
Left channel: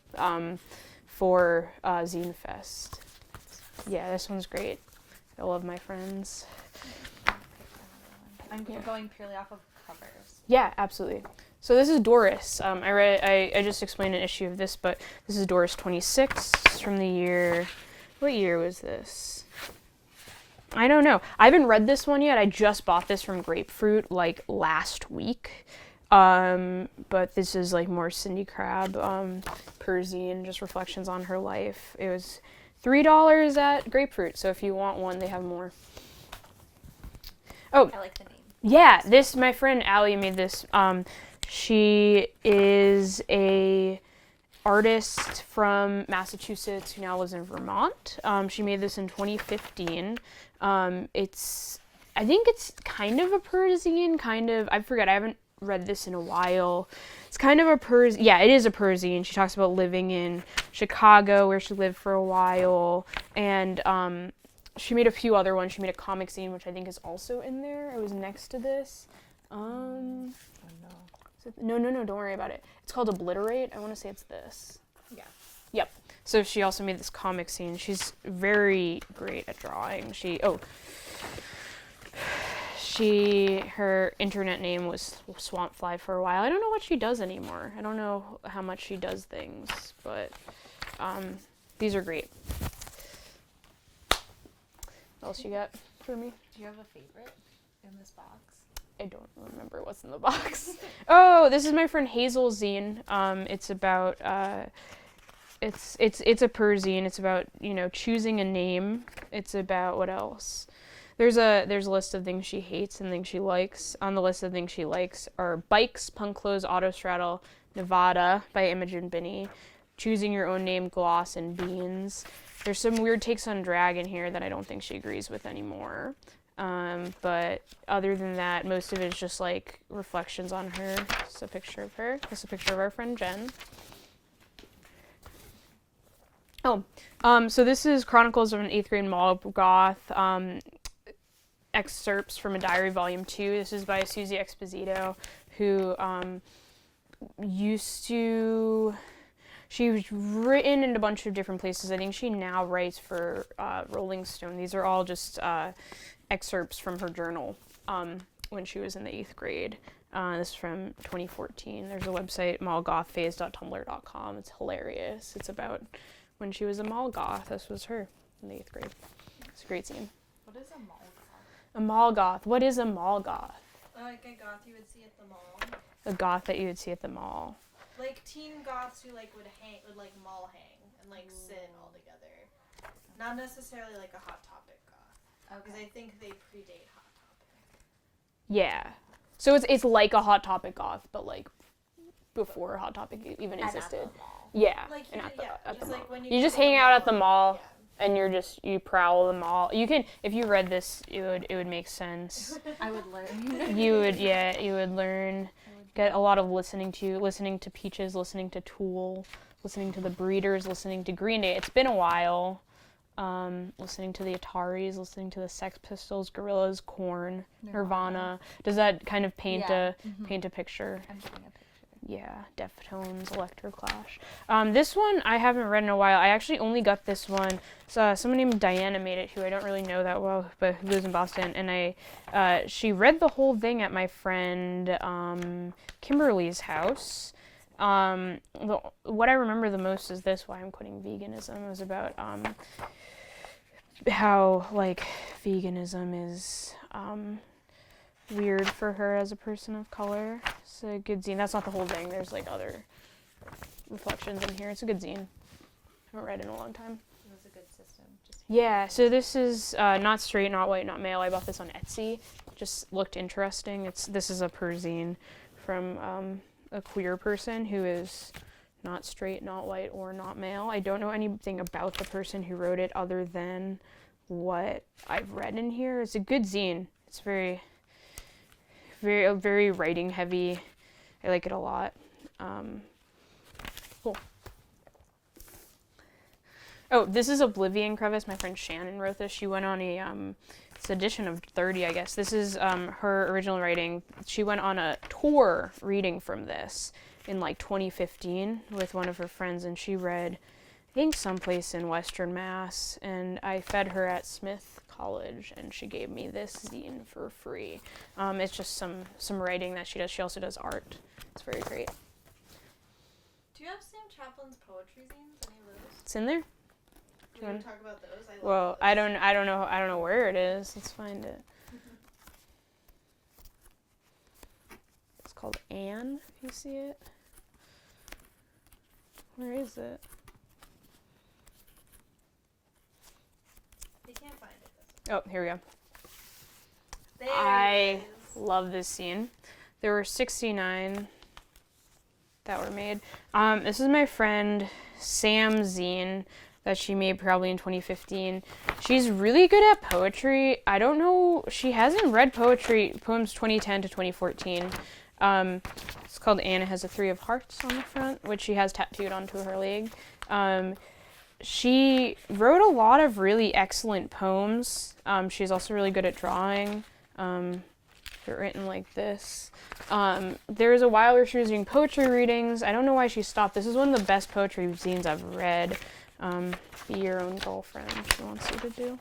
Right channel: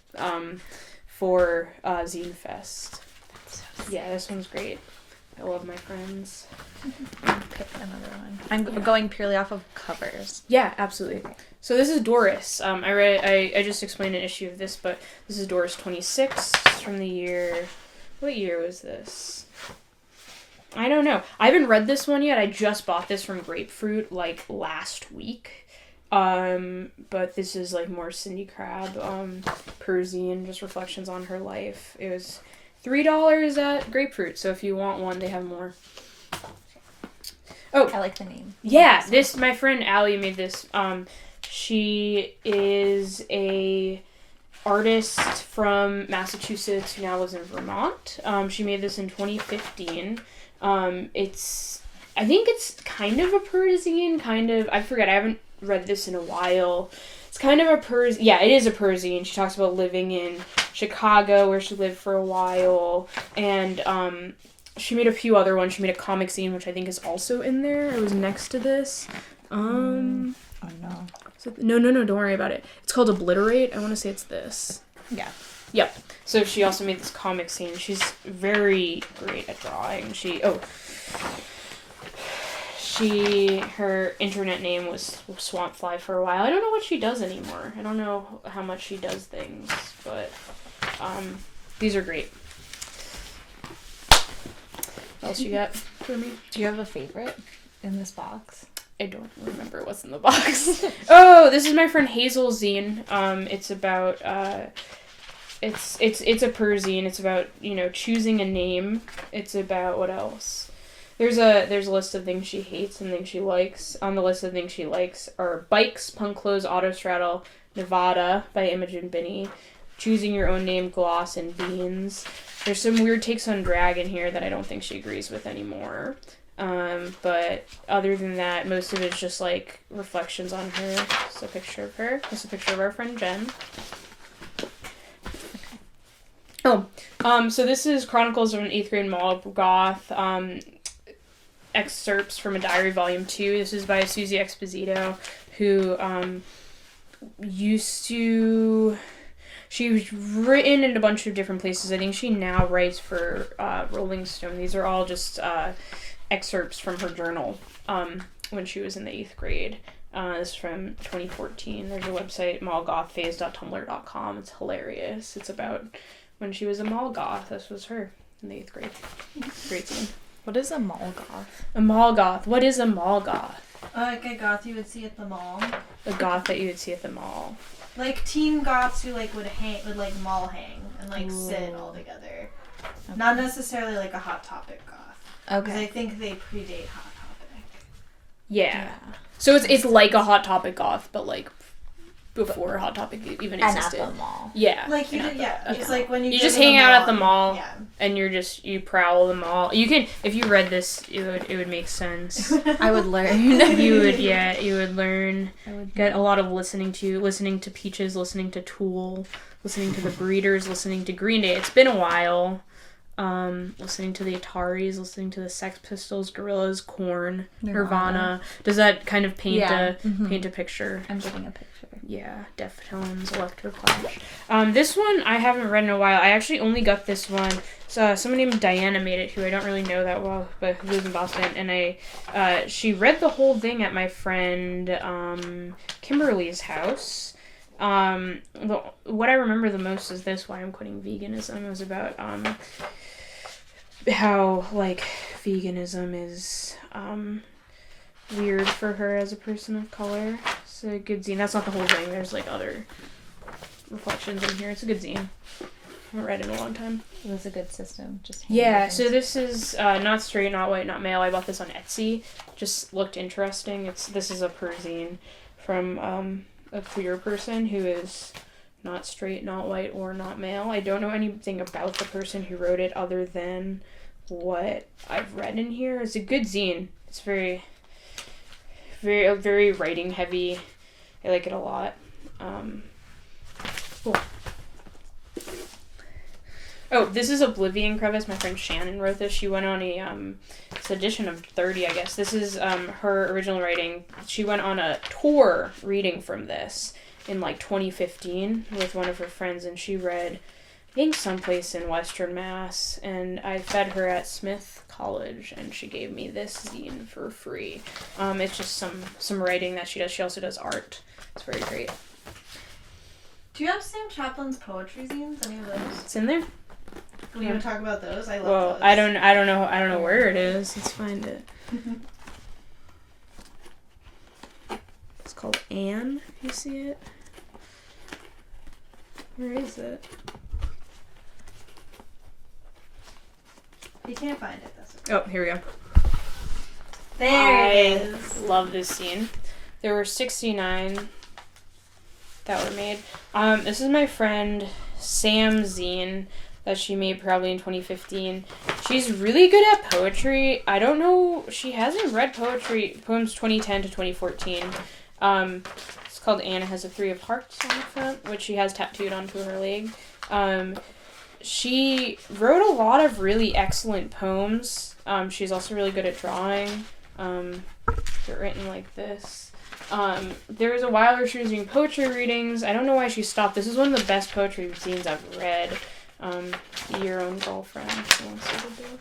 for Zine Fest. Yeah, this one's great. I love my friends. Pick another one. I'm going purely off of covers. Yeah, absolutely. So this is Doris. I just explained an issue of this, but this is Doris 26 from the year. What year was this? I don't know. I haven't read this one yet. I just bought this from Grapefruit last week. But this is more Cindy Crabb, Perzine, just reflections on her life. It was $3 at Grapefruit, so if you want one, they have more. Oh. I like the name. Yeah, this, my friend Allie made this. She is a artist from Massachusetts who now lives in Vermont. She made this in 2015. I think it's kind of a Persian, I forget, I haven't read this in a while. It's kind of a it is a Persian. She talks about living in Chicago, where she lived for a while, and she made a few other ones. She made a comic zine, which I think is also in there. It was next to this. Oh no. No, don't worry about it. It's called Obliterate. I want to say it's this. Yeah. Yep. So she also made this comic scene. She's very great at drawing. Her internet name was Swampfly for a while. I don't know what she does anymore. I don't know how much she does things, but these are great. What else you got for me? Do you have a favorite in this box? I don't remember what's in the box. Oh, this is my friend Hazel's zine. It's about it's a Persian. It's about, choosing a name. It's about what else? There's a list of things she hates and things she likes. On the list of things she likes are bikes, punk clothes, autostraddle, Nevada by Imogen Binney, choosing your own name, gloss, and beans. There's some weird takes on drag in here that I don't think she agrees with anymore. But other than that, most of it's just like reflections on her. It's a picture of her. It's a picture of our friend Jen. So this is Chronicles of an 8th grade mall goth. Excerpts from a diary, volume 2. This is by Susie Exposito, who she's written in a bunch of different places. I think she now writes for Rolling Stone. These are all just excerpts from her journal when she was in the 8th grade. This is from 2014. There's a website, mallgothphase.tumblr.com. It's hilarious. It's about when she was a mall goth. This was her in the 8th grade. Great scene. What is a mall goth? A mall goth. What is a mall goth? Like a goth you would see at the mall. A goth that you would see at the mall. Like teen goths who would mall hang and sit all together. Okay. Not necessarily like a Hot Topic goth. Okay. Because I think they predate Hot Topic. Yeah. So it's like a Hot Topic goth, but like before Hot Topic even existed. And at the mall. Yeah. Like it's like when you just hang out at the mall, and you prowl the mall. You can, if you read this, it would make sense. I would learn. You would learn. Get a lot of listening to Peaches, listening to Tool, listening to the Breeders, listening to Green Day. It's been a while. Listening to the Ataris, listening to the Sex Pistols, Gorillaz, Korn, Nirvana. Does that kind of paint a picture? I'm getting a picture. Yeah, Deftones, Electroclash. This one I haven't read in a while. I actually only got this one. So someone named Diana made it, who I don't really know that well, but who lives in Boston. And she read the whole thing at my friend Kimberly's house. What I remember the most is this, Why I'm Quitting Veganism. It was about how veganism is weird for her as a person of color. It's a good zine. That's not the whole thing. There's other reflections in here. It's a good zine. I haven't read it in a long time. It was a good system. So this is not straight, not white, not male. I bought this on Etsy. Just looked interesting. This is a Persian from a queer person who is not straight, not white, or not male. I don't know anything about the person who wrote it other than what I've read in here. It's a good zine. It's very writing heavy. I like it a lot. Cool. Oh, this is Oblivion Crevice. My friend Shannon wrote this. She went on it's edition of 30, I guess. This is her original writing. She went on a tour reading from this in 2015 with one of her friends, and she read, I think, someplace in Western Mass, and I fed her at Smith College, and she gave me this zine for free. It's just some writing that she does. She also does art. It's very great. Do you have Sam Chaplin's poetry zines? Any of those? It's in there. We want to talk about those? I love those. I don't know where it is. Let's find it. It's called Anne, if you see it. Where is it? You can't find it. That's okay. Oh, here we go. There it is. Love this zine. There were 69 that were made. This is my friend Sam's zine that she made probably in 2015. She's really good at poetry. I don't know, she hasn't read poems 2010 to 2014. It's called Anna Has a Three of Hearts on the front, which she has tattooed onto her leg. She wrote a lot of really excellent poems. She's also really good at drawing. They're written like this. There was a while where she was doing poetry readings. I don't know why she stopped. This is one of the best poetry zines I've read. Your Own Girlfriend, she wants you to do.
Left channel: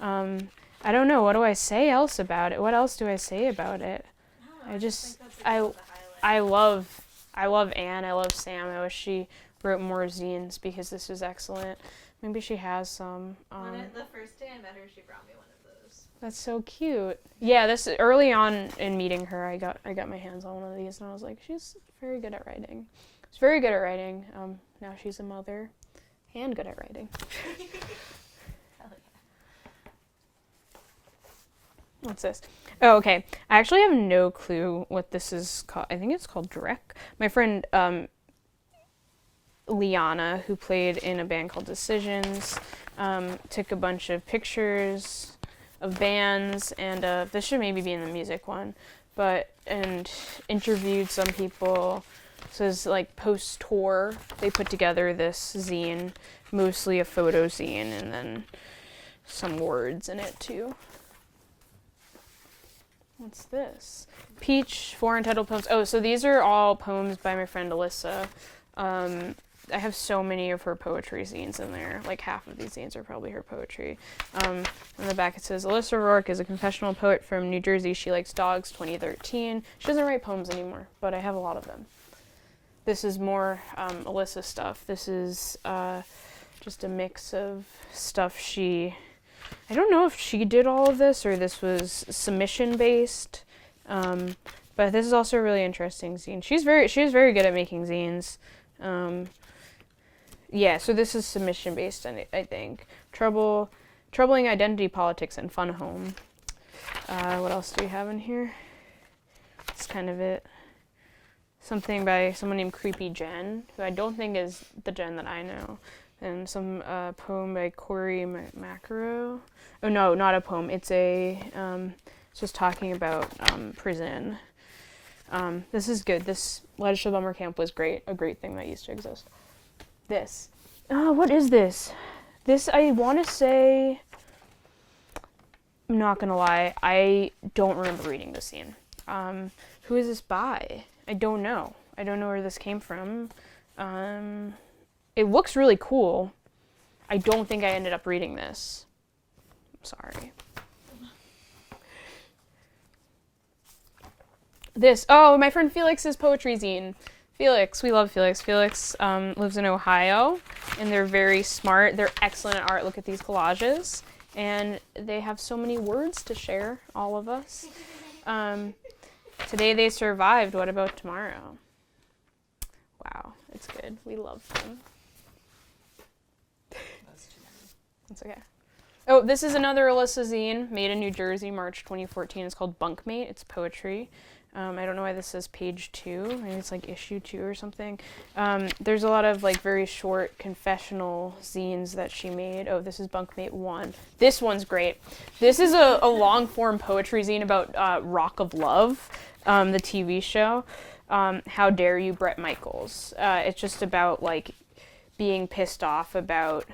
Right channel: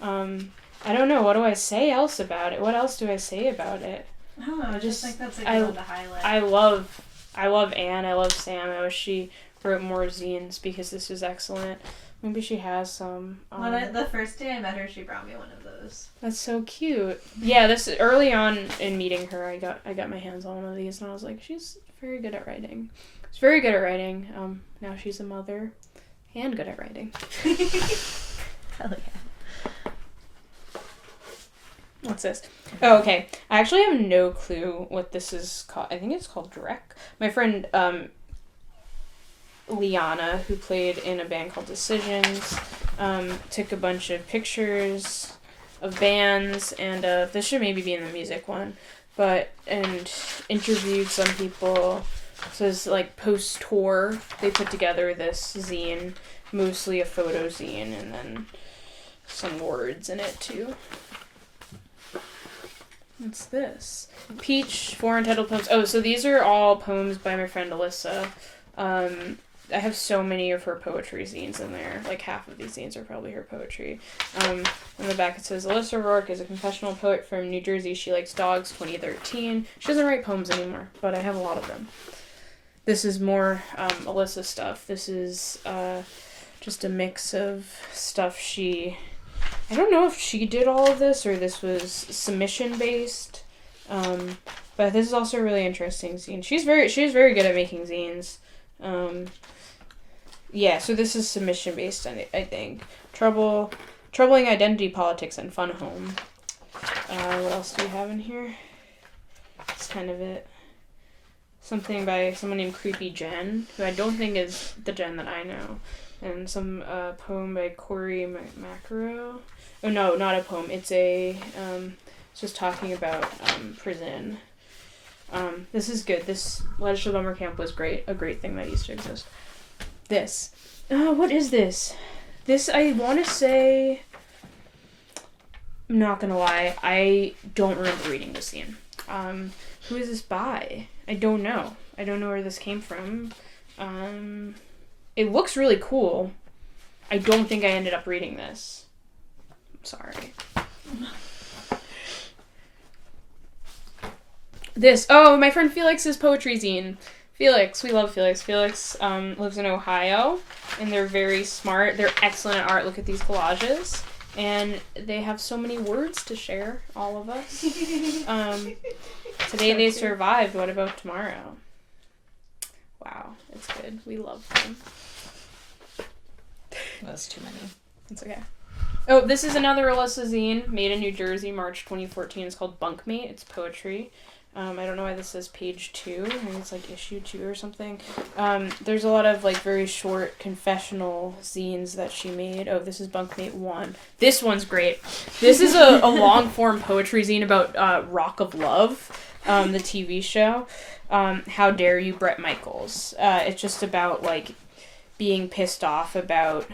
I don't know, what do I say else about it? What else do I say about it? I don't know, I just think that's a good one to highlight. I love Anne, I love Sam. I wish she wrote more zines because this is excellent. Maybe she has some. The first day I met her, she brought me one of those. That's so cute. Yeah, this early on in meeting her, I got my hands on one of these, and I was like, she's very good at writing. She's very good at writing. Now she's a mother, and good at writing. Hell yeah. What's this? Oh, okay. I actually have no clue what this is called. I think it's called Drek. My friend Liana, who played in a band called Decisions, took a bunch of pictures of bands, and this should maybe be in the music one, and interviewed some people. So it's like post-tour, they put together this zine, mostly a photo zine, and then some words in it too. What's this? Peach, 4 entitled poems. Oh, so these are all poems by my friend Alyssa. I have so many of her poetry zines in there. Like half of these zines are probably her poetry. On the back it says, Alyssa Rourke is a confessional poet from New Jersey. She likes dogs, 2013. She doesn't write poems anymore, but I have a lot of them. This is more Alyssa stuff. This is just a mix of stuff I don't know if she did all of this or this was submission based. But this is also a really interesting zine. She's very good at making zines. Yeah, so this is submission based, I think. Troubling Identity Politics and Fun Home. What else do we have in here? That's kind of it. Something by someone named Creepy Jen, who I don't think is the Jen that I know. And some poem by Corey Macro. Oh no, not a poem. It's it's just talking about prison. This is good. This legislative bummer camp was a great thing that used to exist. This. What is this? This, I want to say, I'm not gonna lie, I don't remember reading this scene. Who is this by? I don't know. I don't know where this came from. It looks really cool. I don't think I ended up reading this. I'm sorry. My friend Felix's poetry zine. Felix, we love Felix. Felix lives in Ohio, and they're very smart. They're excellent at art. Look at these collages. And they have so many words to share, all of us. Today they survived. What about tomorrow? Wow, it's good. We love them. That's too many. It's okay. Oh, this is another Alyssa zine, made in New Jersey, March 2014. It's called Bunkmate. It's poetry. I don't know why this says page 2. I think it's like issue 2 or something. There's a lot of like very short confessional zines that she made. Oh, this is Bunkmate 1. This one's great. This is a long form poetry zine about Rock of Love, the TV show. How Dare You, Bret Michaels. It's just about like being pissed off about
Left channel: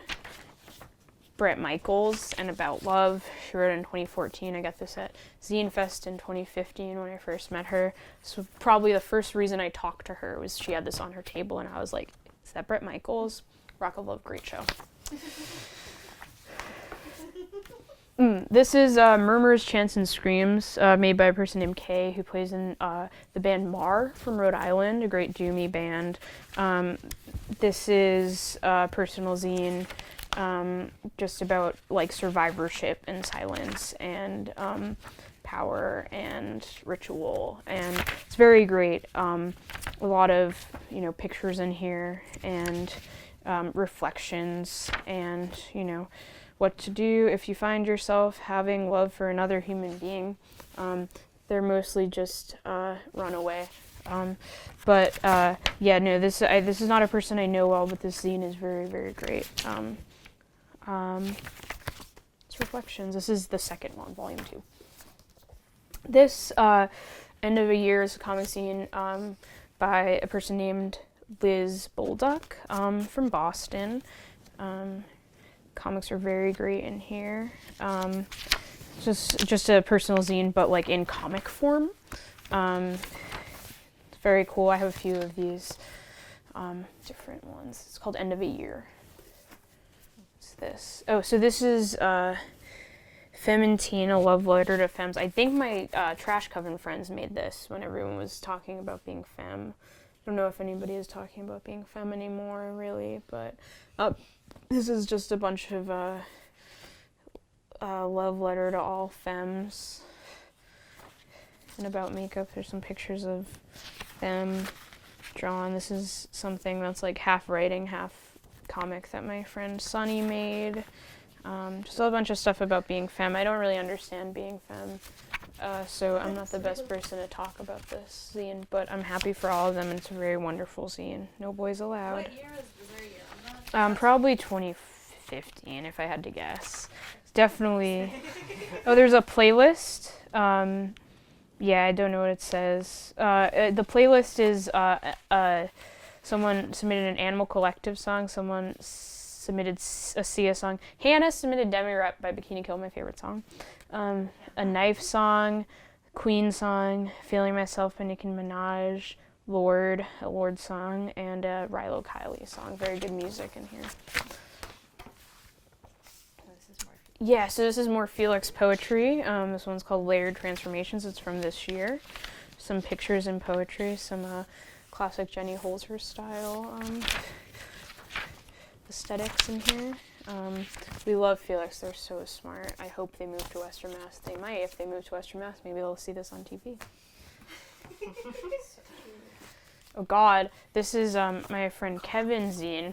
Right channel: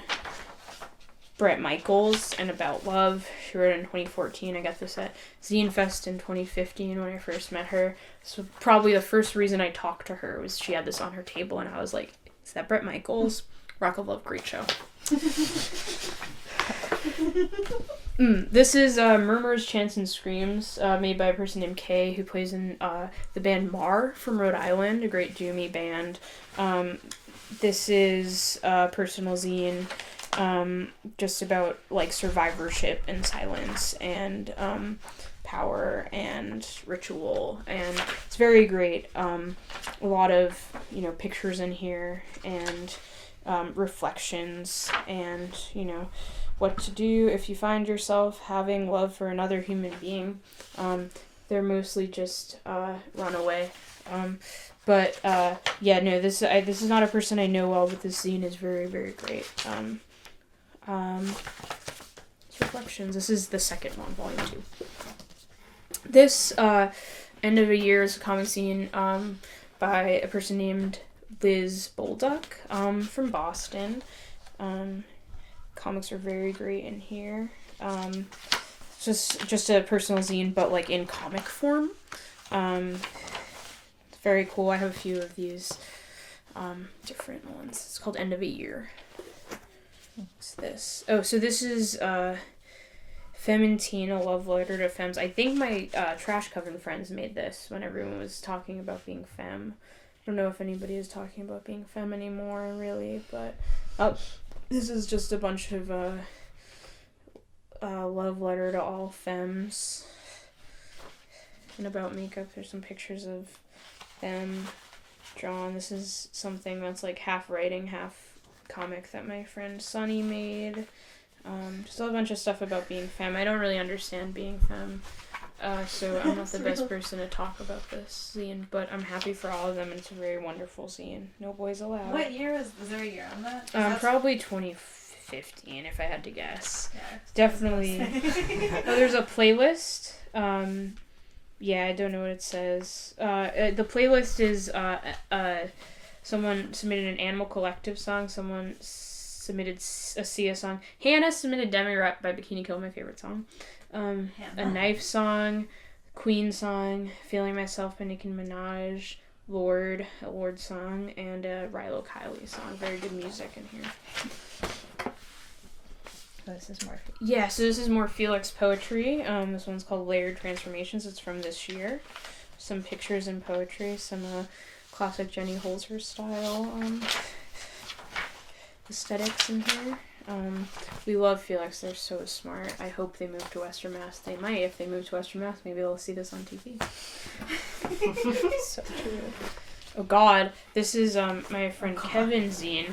Bret Michaels and about love. She wrote it in 2014. I got this at Zine Fest in 2015 when I first met her. So probably the first reason I talked to her was she had this on her table, and I was like, is that Bret Michaels? Rock of Love, great show. This is Murmurs, Chants, and Screams, made by a person named Kay, who plays in the band Mar from Rhode Island, a great doomy band. This is a personal zine just about like survivorship and silence and power and ritual, and it's very great. A lot of pictures in here and reflections and what to do if you find yourself having love for another human being. They're mostly just run away. This is not a person I know well, but this zine is very, very great. It's Reflections. This is the second one, volume 2. This end of a year is a comic zine by a person named Liz Walber from Boston. Comics are very great in here. Just a personal zine, but like in comic form. It's very cool. I have a few of these different ones. It's called End of a Year. What's this? Oh, so this is Femme and Teen, a love letter to femmes. I think my Trash Coven friends made this when everyone was talking about being femme. I don't know if anybody is talking about being femme anymore, really, but this is just a bunch of love letter to all femmes. And about makeup, there's some pictures of them drawn. This is something that's like half writing, half comic that my friend Sunny made. Just a bunch of stuff about being femme. I don't really understand being femme, so I'm not the best person to talk about this zine, but I'm happy for all of them, and it's a very wonderful zine. No boys allowed. What year was there a year on that? Probably 2015, if I had to guess. Yeah, definitely. Oh, there's a playlist. Yeah, I don't know what it says. The playlist is someone submitted an Animal Collective song, someone submitted a Sia song. Hannah submitted Demi Rap by Bikini Kill, my favorite song. A Knife song, Queen song, Feeling Myself by Nicki Minaj, Lord, a Lord song, and a Rilo Kiley song. Very good music in here. Oh, this is more. Yeah, so this is more Felix poetry. This one's called Layered Transformations. It's from this year. Some pictures and poetry, some classic Jenny Holzer style aesthetics in here. We love Felix. They're so smart. I hope they move to Western Mass. They might. If they move to Western Mass, maybe they'll see this on TV. So true. Oh God, this is my friend Kevin's zine,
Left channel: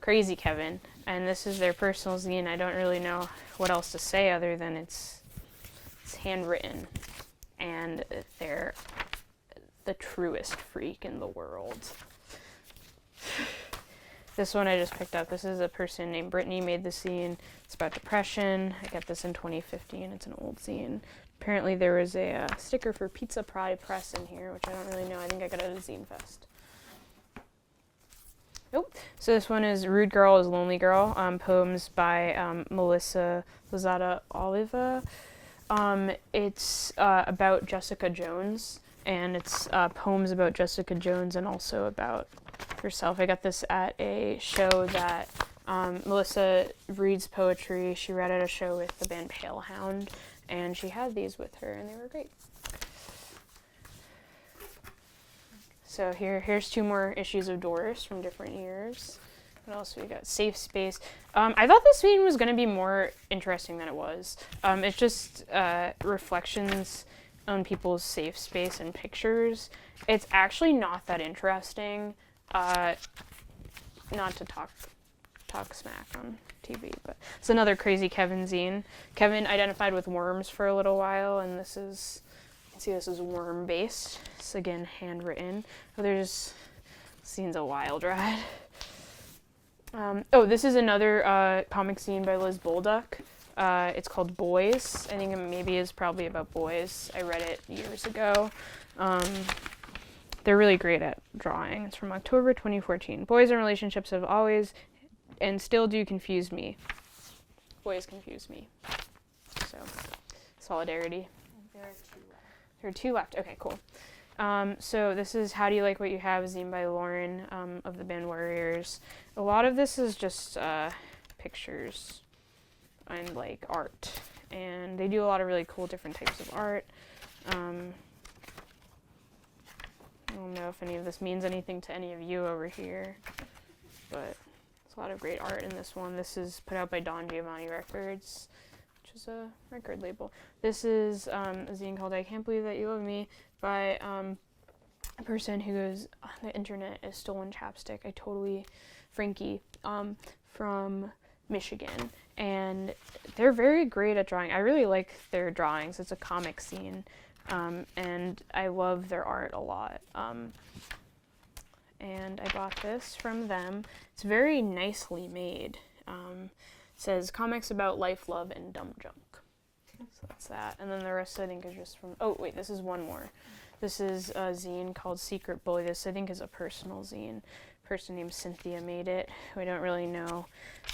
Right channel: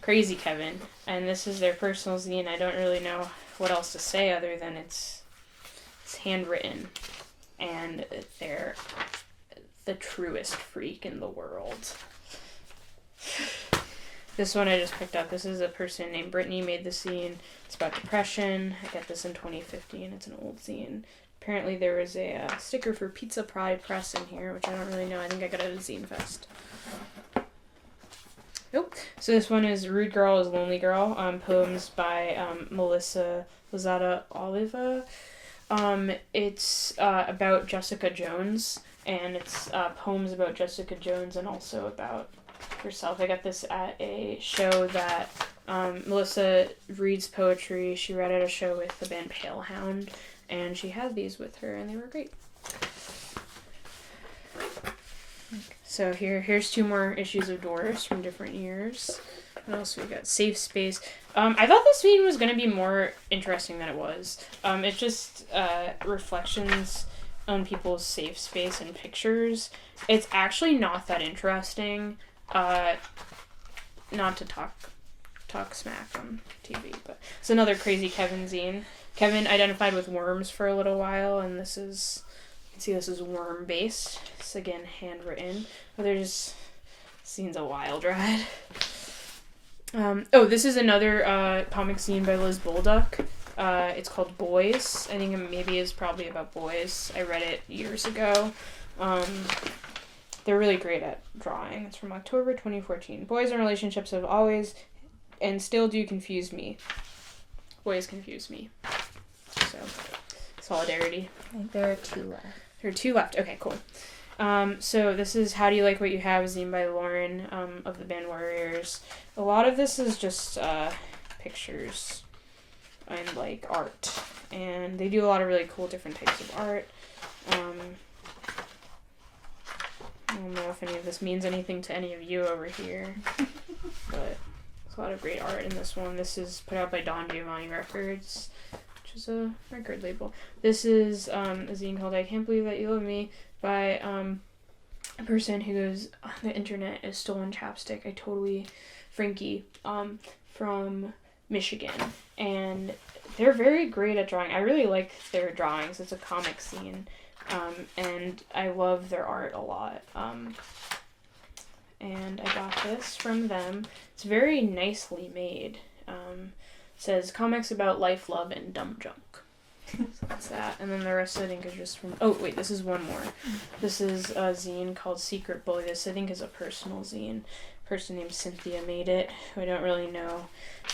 Crazy Kevin, and this is their personal zine. I don't really know what else to say other than it's handwritten, and they're the truest freak in the world. This one I just picked up. This is a person named Brittany made this zine. It's about depression. I got this in 2015. It's an old zine. Apparently there was a sticker for Pizza Pride Press in here, which I don't really know. I think I got it at a Zine Fest. Oh, so this one is Rude Girl is Lonely Girl, poems by Melissa Lozada Oliva. It's about Jessica Jones, and it's poems about Jessica Jones and also about herself. I got this at a show that Melissa reads poetry. She read at a show with the band Palehound, and she had these with her, and they were great. So here's 2 more issues of Doris from different years. What else we got? Safe Space. I thought this zine was going to be more interesting than it was. It's just reflections on people's safe space and pictures. It's actually not that interesting. Not to talk smack on TV, but it's another Crazy Kevin zine. Kevin identified with worms for a little while, and this is worm based. It's again handwritten. There's scene's a wild ride. This is another comic zine by Liz Walber. It's called Boys. I think it maybe is probably about boys. I read it years ago. They're really great at drawing. It's from October 2014. Boys and relationships have always and still do confuse me. Boys confuse me. So, solidarity. I think there are 2 left. There are 2 left. Okay, cool. So this is How Do You Like What You Have, zine by Lauren of the band Warriors. A lot of this is just pictures and like art, and they do a lot of really cool different types of art. I don't know if any of this means anything to any of you over here, but there's a lot of great art in this one. This is put out by Don Giovanni Records, which is a record label. This is a zine called I Can't Believe That You Love Me by a person who goes, the internet is stolen chapstick. I totally Frankie from Michigan, and they're very great at drawing. I really like their drawings. It's a comic zine, and I love their art a lot. And I got this from them. It's very nicely made. Says comics about life, love, and dumb junk. So that's that. And then the rest I think is just from... Oh, wait, this is one more. This is a zine called Secret Bully. This I think is a personal zine. A person named Cynthia made it, who I don't really know,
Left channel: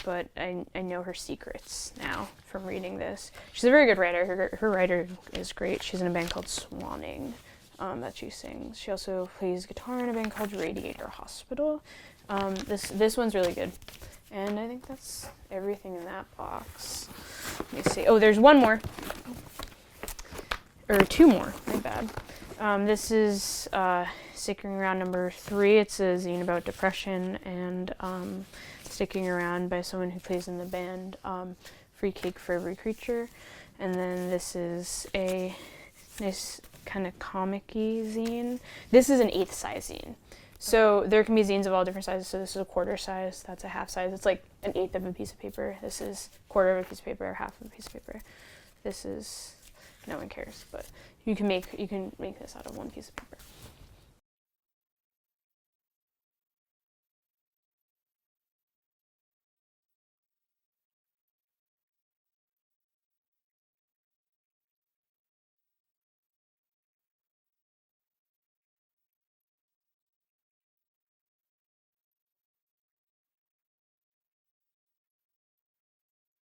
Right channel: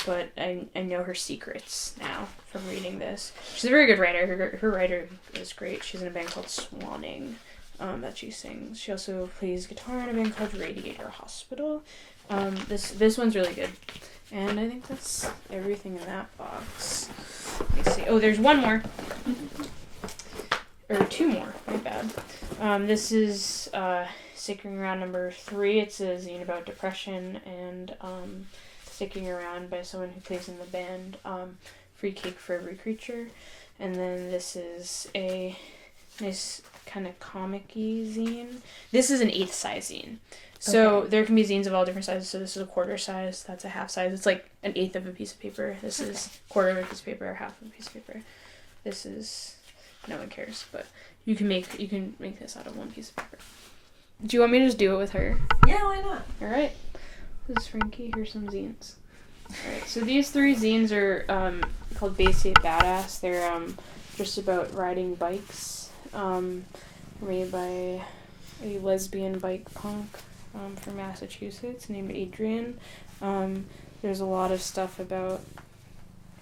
but I know her secrets now from reading this. She's a very good writer. Her writer is great. She's in a band called Swanning that she sings. She also plays guitar in a band called Radiator Hospital. This one's really good. And I think that's everything in that box. Let me see. Oh, there's one more. Or two more. My bad. This is Sticking Around number 3. It's a zine about depression and sticking around by someone who plays in the band Free Cake for Every Creature. And then this is a nice kind of comic-y zine. This is an 8th size zine. So there can be zines of all different sizes. So this is a quarter size. That's a half size. It's like an 1/8 of a piece of paper. This is quarter of a piece of paper, half of a piece of paper. This is, no one cares, but you can make this out of one piece of paper. Do you want me to just do it with her? Yeah, why not? All right. This is Frankie. Here's some zines. All right. So these 3 zines are called Basic Badass. They're just about riding bikes. Made by a lesbian bike punk from Massachusetts named Adrian. There's a lot of stuff about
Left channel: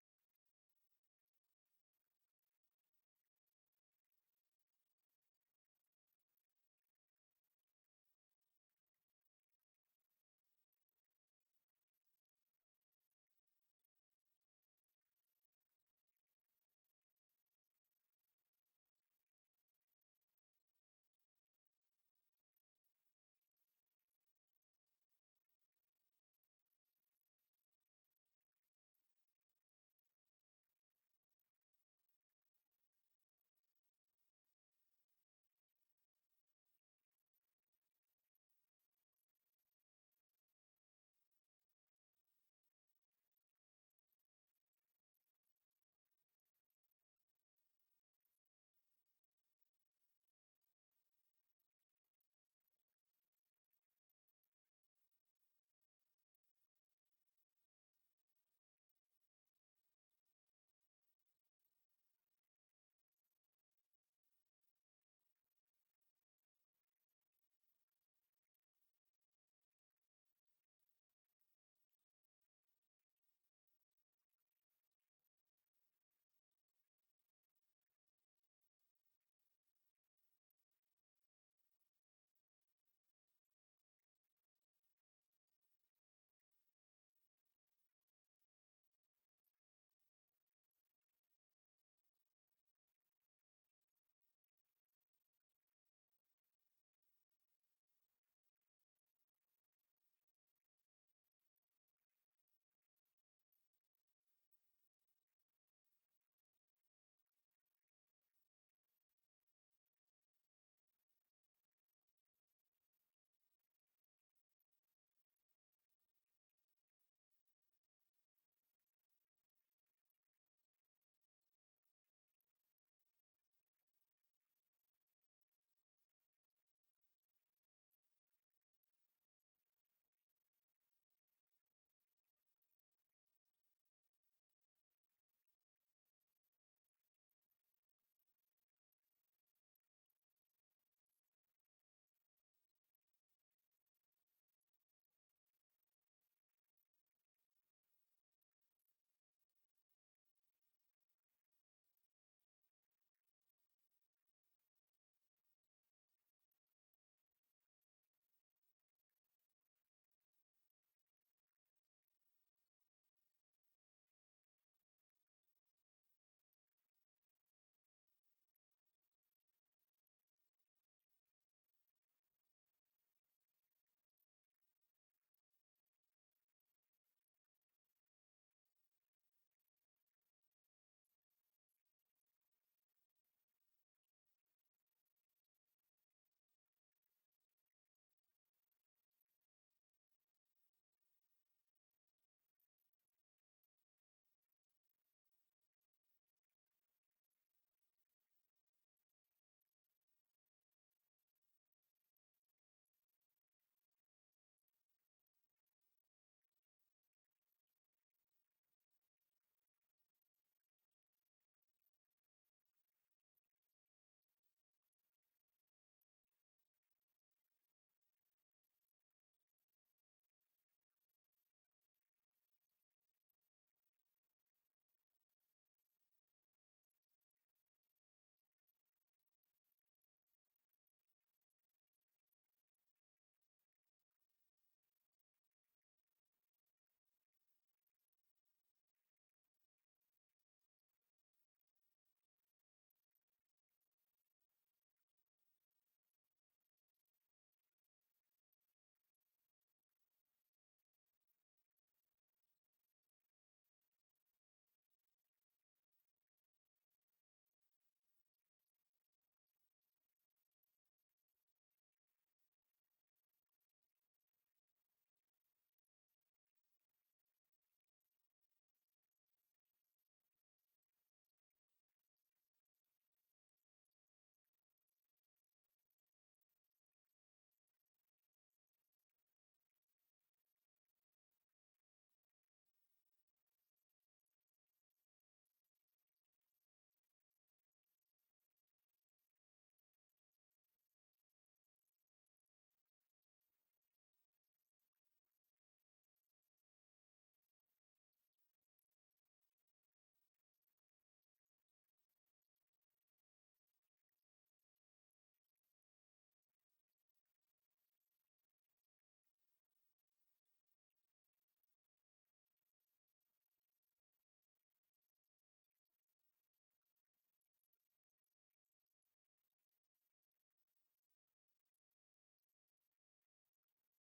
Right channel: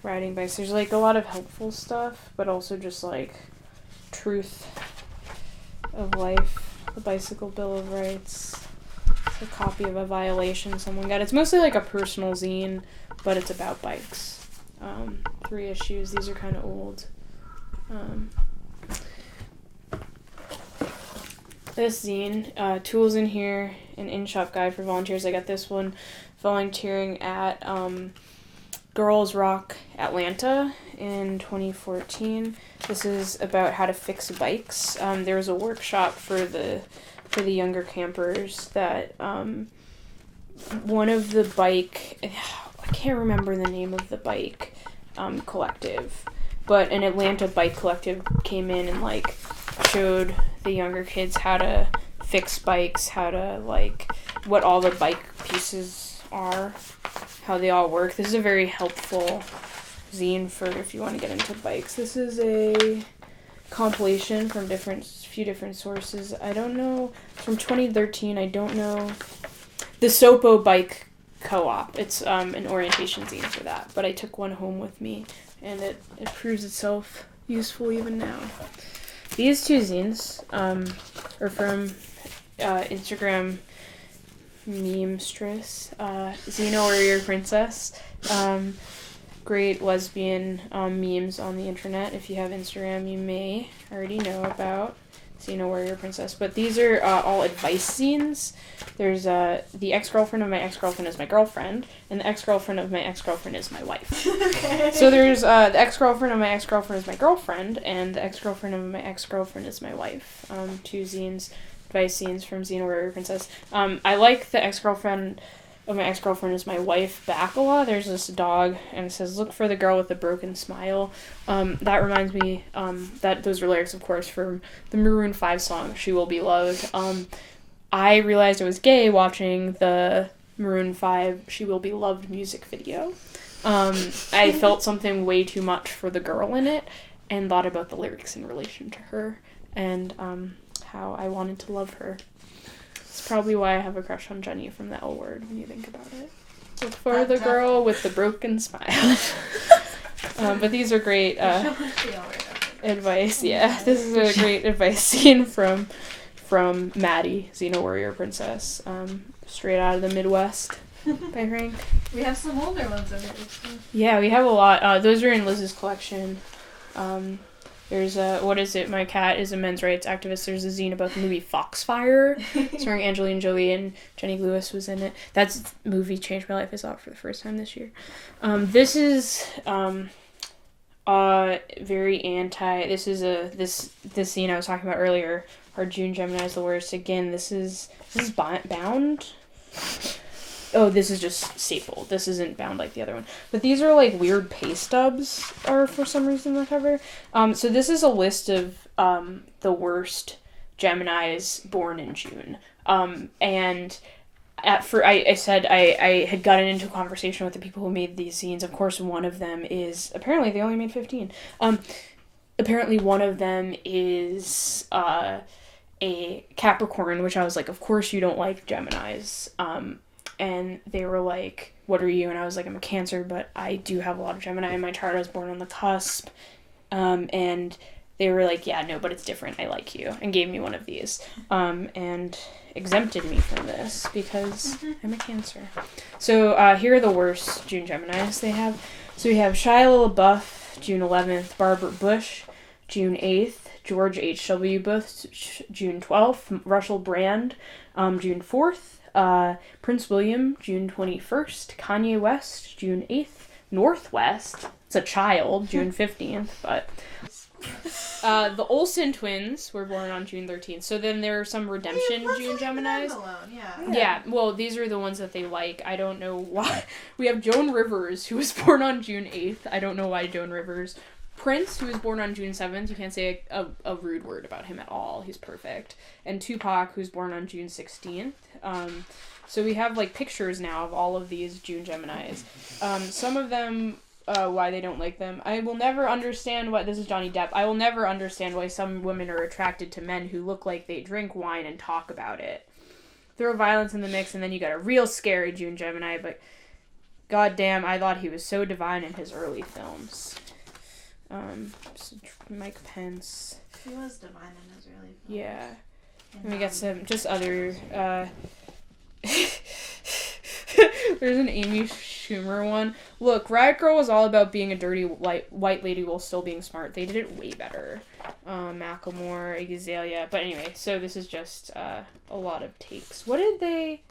riding bikes. There's like a lot of helpful stuff, but also just like truth of life. The Bicycle Bill of Rights. It's a copy of a violation someone got. It's mostly like a personal zine, but it's about bikes. 3 issues. These are kind of old. This zine, tools in here, an in-shop guide for volunteers. I got this one volunteering at Girls Rock Atlanta in 2014. This is about how to fix bikes. There was a workshop for the younger campers that one of the bike, I can't remember the name of the bike collective, but an Atlanta bike collective came in and like showed the younger kids how to fix bikes, how to like what all the bike pieces are, how they all work. This is a very helpful zine for if you want to get into bikes. This is a compilation from few different sources. I don't know, from 2013. I don't know. The Sopo Bike Co-op. It's an orientation zine for that, but I took one home with me, and it proves itself useful even now. These 2 zines are from Instagram memestress, Xena Warrior Princess. Great lesbian memes on the internet. If you have Instagram, you may already know about Xena Warrior Princess. But these are all advice zines. There's the ex-girlfriend of my ex-girlfriend is my girlfriend, and the ex-girlfriend of my ex-girlfriend is my wife. Okay. So there's the ex-girlfriend of my ex-girlfriend is my girlfriend, and the ex-girlfriend of my ex-girlfriend is my wife. 2 zines, advice zines from Xena Warrior Princess. I like the ex-girlfriend of my ex-girlfriend is my wife back a lot. There's this dog, and it says, "Look for the girl with the broken smile." That reminds me, that those are lyrics, of course, from the Maroon 5 song, "She Will Be Loved." I realized I was gay watching the Maroon 5 "She Will Be Loved" music video. I felt something way too much for the girl in it, and thought about the lyrics in relation to her, and how I wanted to love her. It's probably why I have a crush on Jenny from the L Word when you think about it. Look for the girl with the broken smile. But these are great advice. Yeah, this is a great advice scene from Maddie, Xena Warrior Princess, straight out of the Midwest by Frank. We have some older ones over here. Yeah, we have a lot. Those are in Liz's collection. There's what is it? My cat is a men's rights activist. There's a zine about the movie Foxfire, starring Angelina Jolie, and Jenny Lewis was in it. That movie changed my life. I saw it for the first time this year. This is very anti. This is this zine I was talking about earlier. Our June Gemini is the worst. Again, this is bound. this is just stapled. This isn't bound like the other one. But these are like weird pay stubs are for some reason the cover. So this is a list of the worst Geminis born in June. And I said I had gotten into a conversation with the people who made these zines. Of course, one of them is, apparently they only made 15. Apparently one of them is a Capricorn, which I was like, of course you don't like Geminis. And they were like, what are you? And I was like, I'm a Cancer, but I do have a lot of Gemini in my chart. I was born on the cusp. And they were like, yeah, no, but it's different. I like you. And gave me one of these. And exempted me from this because I'm a Cancer. So here are the worst June Geminis they have. So we have Shia LaBeouf, June 11th, Barbara Bush, June 8th, George H.W. Bush, June 12th, Russell Brand, June 4th, Prince William, June 21st, Kanye West, June 8th, Northwest, it's a child, June 15th, but... the Olsen twins were born on June 13th. So then there are some redemption June Geminis. Yeah, well, these are the ones that they like. I don't know why. We have Joan Rivers, who was born on June 8th. I don't know why Joan Rivers. Prince, who was born on June 7th. You can't say a rude word about him at all. He's perfect. And Tupac, who's born on June 16th. So we have, like, pictures now of all of these June Geminis. Some of them... why they don't like them. I will never understand why... This is Johnny Depp. I will never understand why some women are attracted to men who look like they drink wine and talk about it. Throw violence in the mix, and then you got a real scary June Gemini, but goddamn, I thought he was so divine in his early films. Mike Pence. He was divine in his early films. Yeah. And we got some... Just other... There's an Amy Schumer one. Look, Riot Girl was all about being a dirty white lady while still being smart. They did it way better. Macklemore, Azalea. But anyway, so this is just a lot of takes. What did they...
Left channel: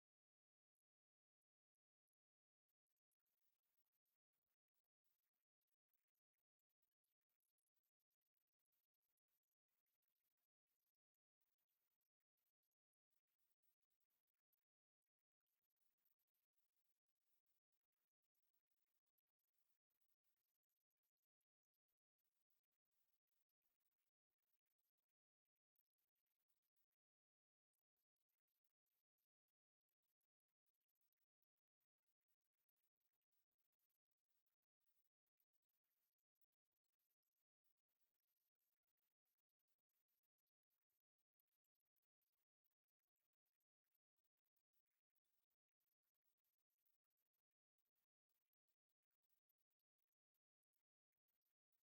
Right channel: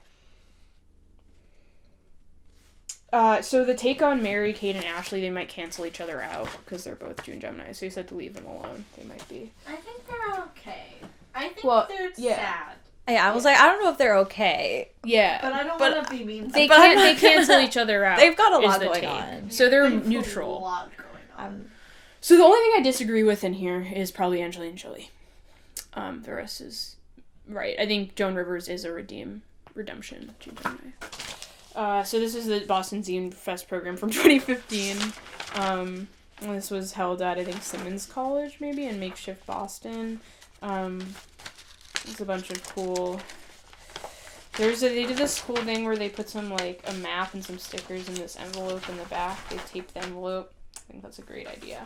so the take on Mary, Kate, and Ashley, they might cancel each other out because they're both June Gemini. So you said to leave them alone. They might be. I think they're okay. I think they're sad. Yeah, I was like, I don't know if they're okay. Yeah. But I don't want to be mean. They cancel each other out. They've got a lot going on. So they're neutral. A lot going on. So the only thing I disagree with in here is probably Angelina Jolie. The rest is right. I think Joan Rivers is a redemption June Gemini. So this is the Boston Zine Fest program from 2015. This was held at, I think, Simmons College, maybe, in makeshift Boston. It's a bunch of cool... They did this cool thing where they put some, like, a map and some stickers in this envelope in the back. They taped the envelope. I think that's a great idea.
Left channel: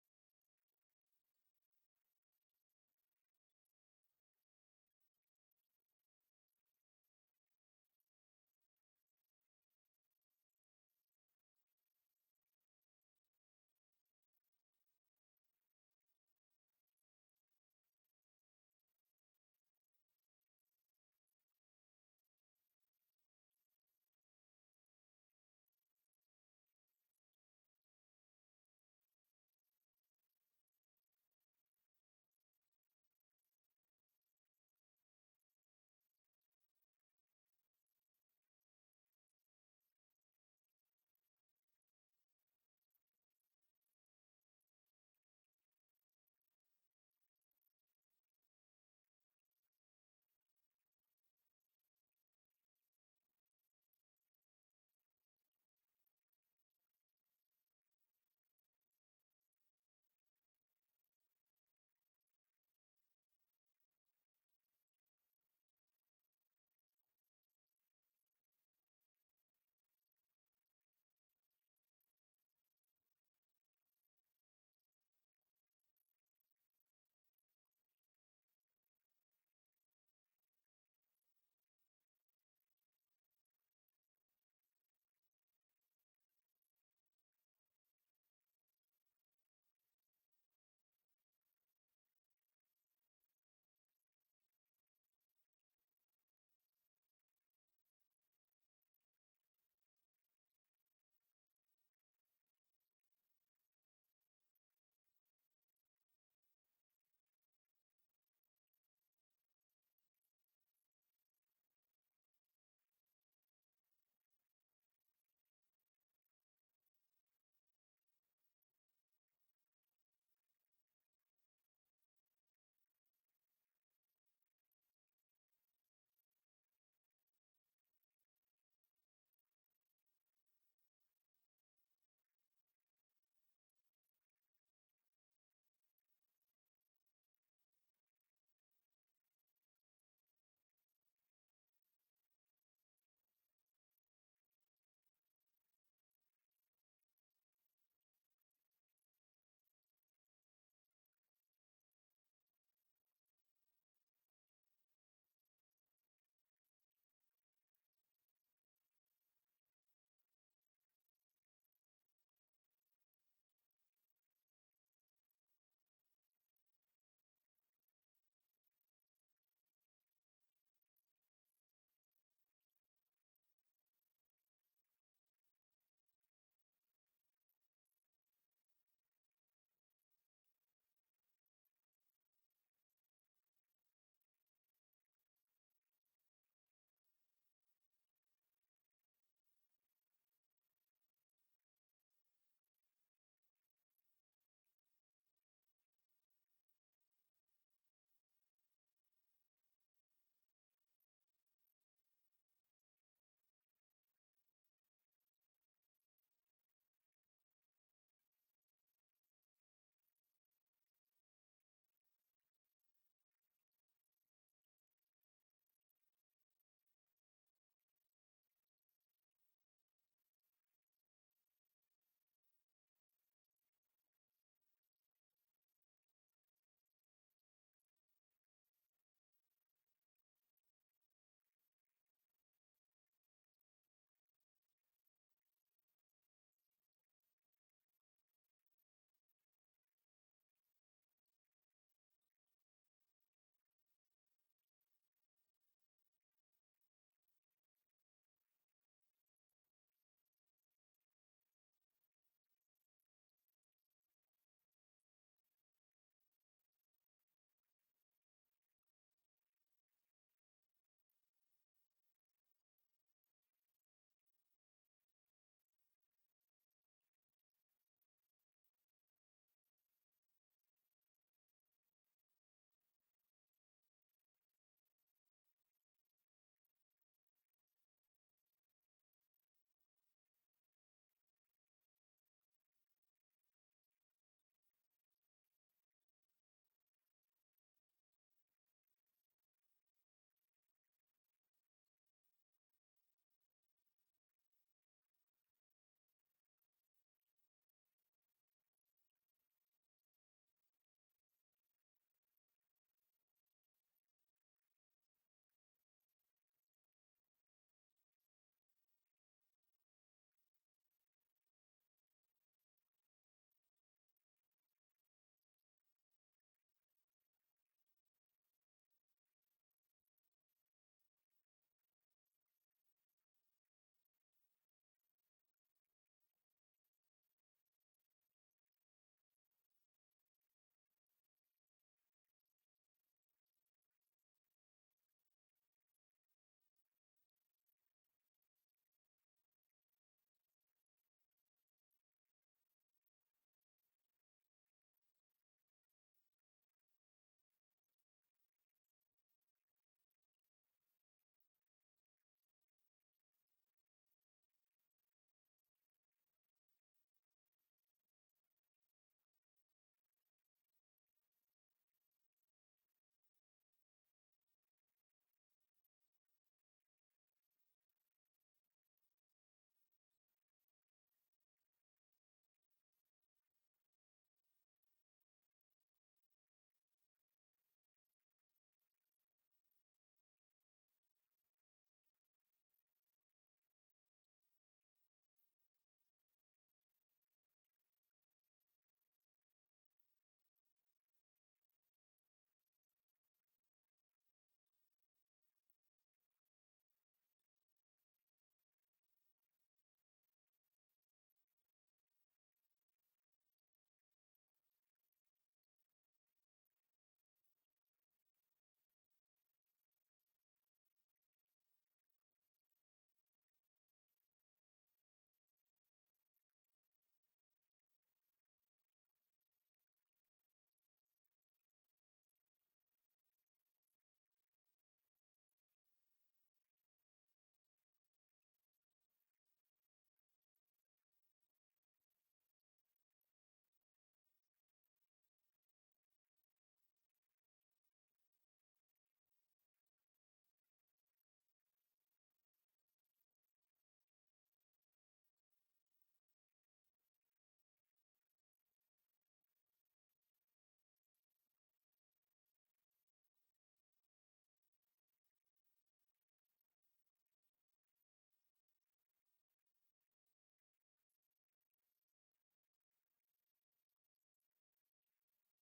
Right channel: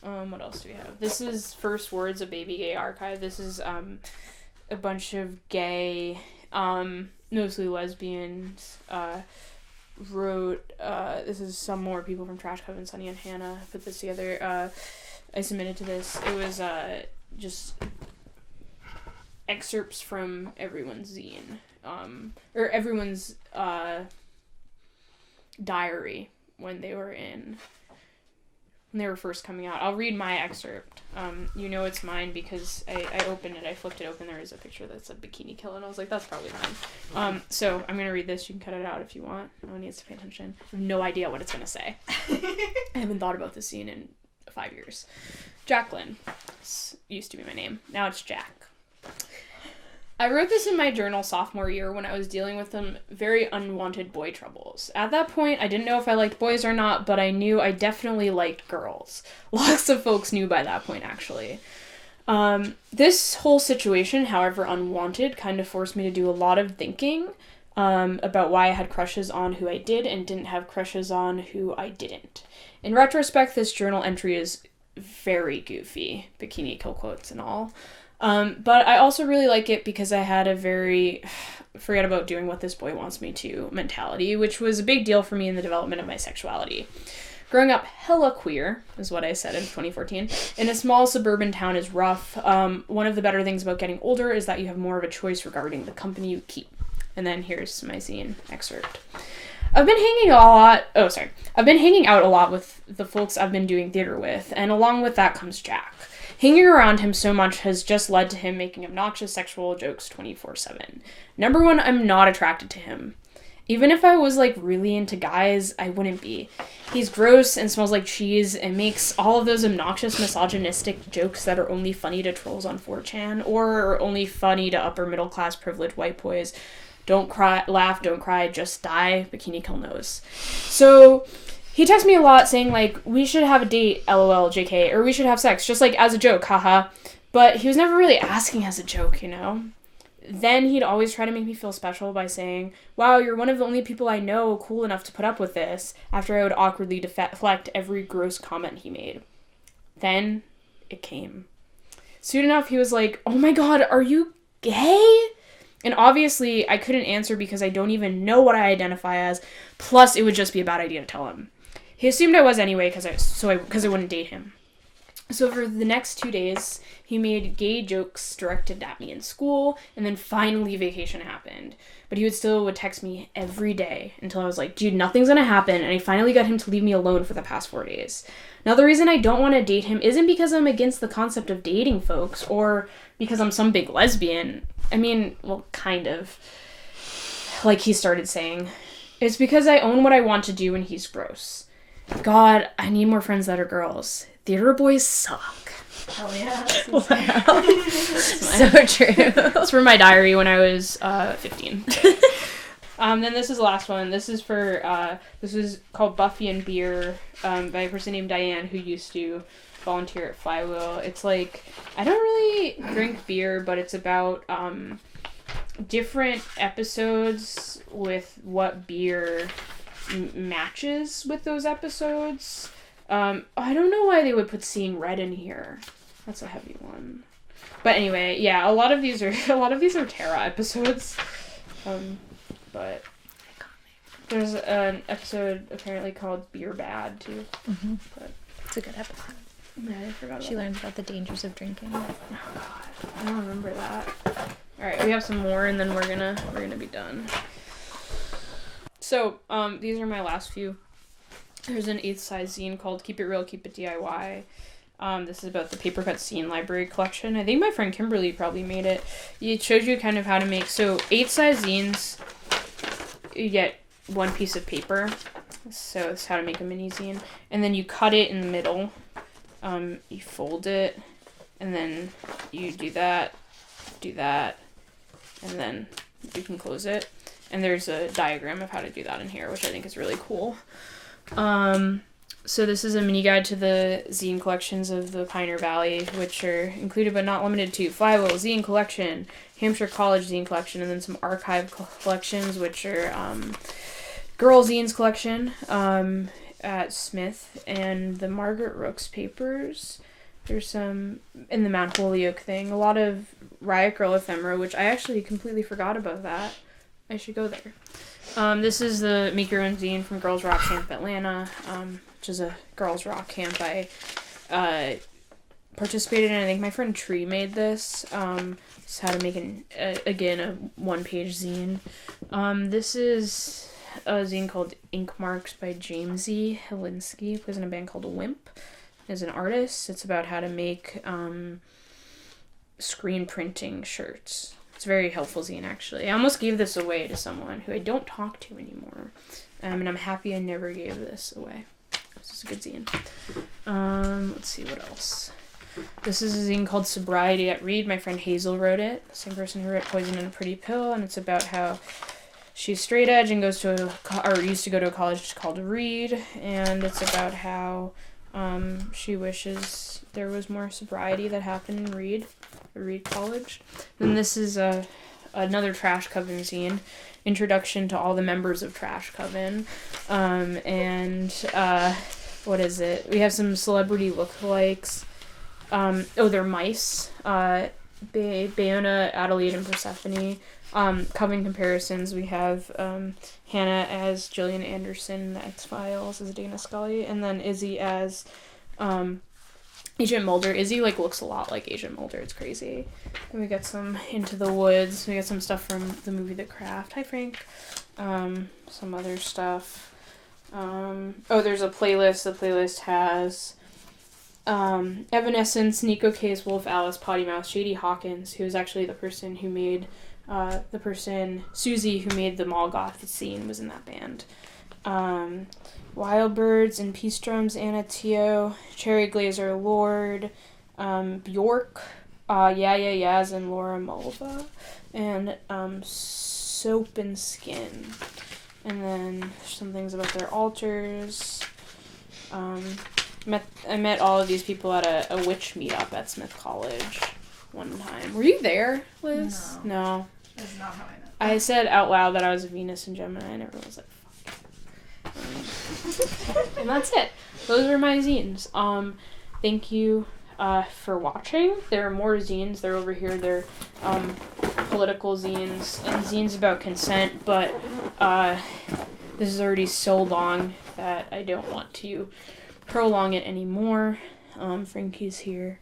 What else do we have? This is First Words, a Baby Gay Archive. This is, a bunch of gay, mostly lesbians, wrote, this is some more people from Trash Coven, Sunny and Hannah put this together. I submitted to this. It was, just... excerpts from everyone's zine, or everyone's diary when they were first coming out. I'll read my excerpt. You know it's mine because I opened it, I flipped it open, there is a picture that's a bikini kill, and I was like, that's probably mine. So I'm gonna read this, you can cut it out if you want, no one needs to pay attention. I have no idea what it's gonna say. I haven't thought about this scene in 5 years. Jacqueline. This used to be my name, now it's Jack. I wrote this in my journal sophomore year when I was dealing with some very unwanted boy troubles. At that point, I didn't know if I liked boys or not, but I knew I definitely liked girls. Lots of folks knew by that point, actually. This whole situation, however unwanted, kind of forced me to do a lot of thinking about why I had crushes on who I did and didn't have crushes on who I didn't. In retrospect, this journal entry is very goofy, bikini kill quotes and all. But I also really like it because I had a very forget about doing what this boy wants me to mentality, which was a big deal for me in the development of my sexuality. Growing up hella queer, is what I said in 2014, in a small suburban town is rough. One of the better things about getting older is that you have more of a choice regarding the company you keep. And then here's my zine excerpt. I've been hanging out a lot with the folks I've been doing theater with, and along with that comes Jack. Hanging around him so much has just led to him making obnoxious sexual jokes 24/7. Number one, I'm not attracted to him. Even if I was, like, really into guys, I wouldn't be. He's gross and smells like cheese and makes all of those obnoxious misogynistic jokes that are only funny to trolls on 4chan or only funny to upper middle class privileged white boys. Don't cry, laugh, don't cry, just die, bikini kill nose. So he texts me a lot saying, like, we should have a date, lol, jk, or we should have sex, just, like, as a joke, haha. But he was never really asking as a joke, you know? Then he'd always try to make me feel special by saying, wow, you're one of the only people I know cool enough to put up with this, after I would awkwardly deflect every gross comment he made. Then it came. Soon enough, he was like, oh my god, are you gay? And obviously, I couldn't answer because I don't even know what I identify as, plus it would just be a bad idea to tell him. He assumed I was anyway, because I wouldn't date him. So for the next 2 days, he made gay jokes directed at me in school, and then finally vacation happened. But he would text me every day until I was like, dude, nothing's gonna happen, and I finally got him to leave me alone for the past 4 days. Now, the reason I don't want to date him isn't because I'm against the concept of dating folks, or because I'm some big lesbian. I mean, well, kind of. Like he started saying. It's because I own what I want to do and he's gross. God, I need more friends that are girls. Theater boys suck. Hell yeah. Wow. So true. It's from my diary when I was 15. Then this is the last one. This is called Buffy and Beer by a person named Diane who used to volunteer at Flywheel. It's like, I don't really drink beer, but it's about different episodes with what beer matches with those episodes. I don't know why they would put Seeing Red in here. That's a heavy one. But anyway, yeah, a lot of these are Terra episodes. But there's an episode apparently called Beer Bad too. Mm-hmm. But It's a good episode. yeah, I forgot about She that. learns about the dangers of drinking. Oh god, I don't remember that. All right, we have some more, and then we're gonna be done. So, these are my last few. There's an 8th size zine called Keep It Real, Keep It DIY. This is about the Paper Cut Zine Library collection. I think my friend Kimberly probably made it. It shows you kind of how to make, so 8 size zines, you get one piece of paper. So it's how to make a mini zine. And then you cut it in the middle. You fold it, and then you do that, and then you can close it. And there's a diagram of how to do that in here, which I think is really cool. So this is a mini guide to the zine collections of the Pioneer Valley, which are included but not limited to Flywheel Zine Collection, Hampshire College Zine Collection, and then some archive collections, which are Girl Zines Collection at Smith, and the Margaret Rooks Papers. There's some in the Mount Holyoke thing. A lot of Riot Girl ephemera, which I actually completely forgot about that. I should go there. This is the Make Your Own Zine from Girls Rock Camp Atlanta, which is a girls rock camp I participated in. I think my friend Tree made this. It's how to make a one-page zine. This is a zine called Ink Marks by Jamesy Helinski, who plays in a band called Wimp. As an artist, it's about how to make screen printing shirts. It's a very helpful zine, actually. I almost gave this away to someone who I don't talk to anymore. And I'm happy I never gave this away. This is a good zine. Let's see what else. This is a zine called Sobriety at Reed. My friend Hazel wrote it. The same person who wrote Poison in a Pretty Pill. And it's about how she's straight edge and used to go to a college called Reed. And it's about how she wishes there was more sobriety that happened in Reed College. Then this is another Trash Coven zine, Introduction to all the members of Trash Coven. What is it? We have some celebrity lookalikes. They're mice. Bayona, Adelaide, and Persephone. Coven comparisons. We have Hannah as Gillian Anderson in the X-Files as Dana Scully, and then Izzy as Agent Mulder. Izzy looks a lot like Agent Mulder. It's crazy. And we got some Into the Woods. We got some stuff from the movie The Craft. Hi, Frank. Some other stuff. There's a playlist. The playlist has Evanescence, Nico Case, Wolf Alice, Potty Mouth, Shady Hawkins, who is actually the person who made the person, Susie, who made the Mall Goth scene, was in that band. Wild Birds and Peace Drums, Anna Teo, Cherry Glazer Lord, Bjork, Yeah Yeah Yeahs and Laura Mulva, and Soap and Skin. And then some things about their altars. I met all of these people at a witch meetup at Smith College one time. Were you there, Liz? No. That's not how I know. I said out loud that I was a Venus and Gemini, and everyone was like, fuck. And that's it. Those are my zines. Thank you for watching. There are more zines. They're over here. They're political zines and zines about consent, but this is already so long that I don't want to prolong it anymore. Frankie's here,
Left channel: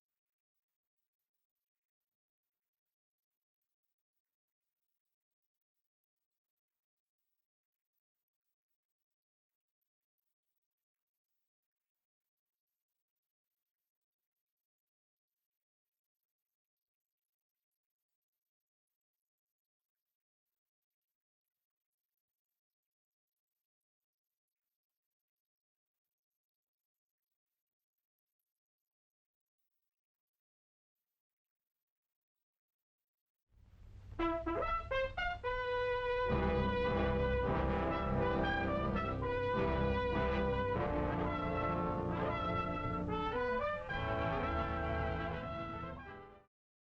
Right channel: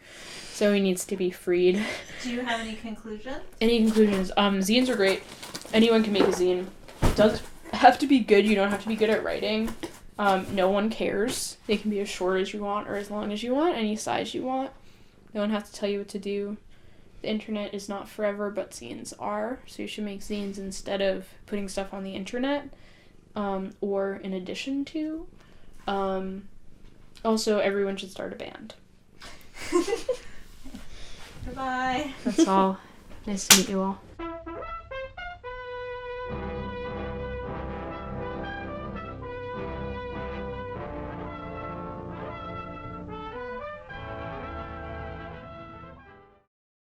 so he needs to be freed. Do you have any conclusions? Any conclusions? Zines are great. Anyone can make a zine. It does have to be good. You don't have to be good at writing. No one cares. They can be as short as you want or as long as you want, any size you want. No one has to tell you what to do. The internet is not forever, but zines are. So you should make zines instead of putting stuff on the internet, or in addition to. Also, everyone should start a band. Goodbye. That's all. Nice to meet you all.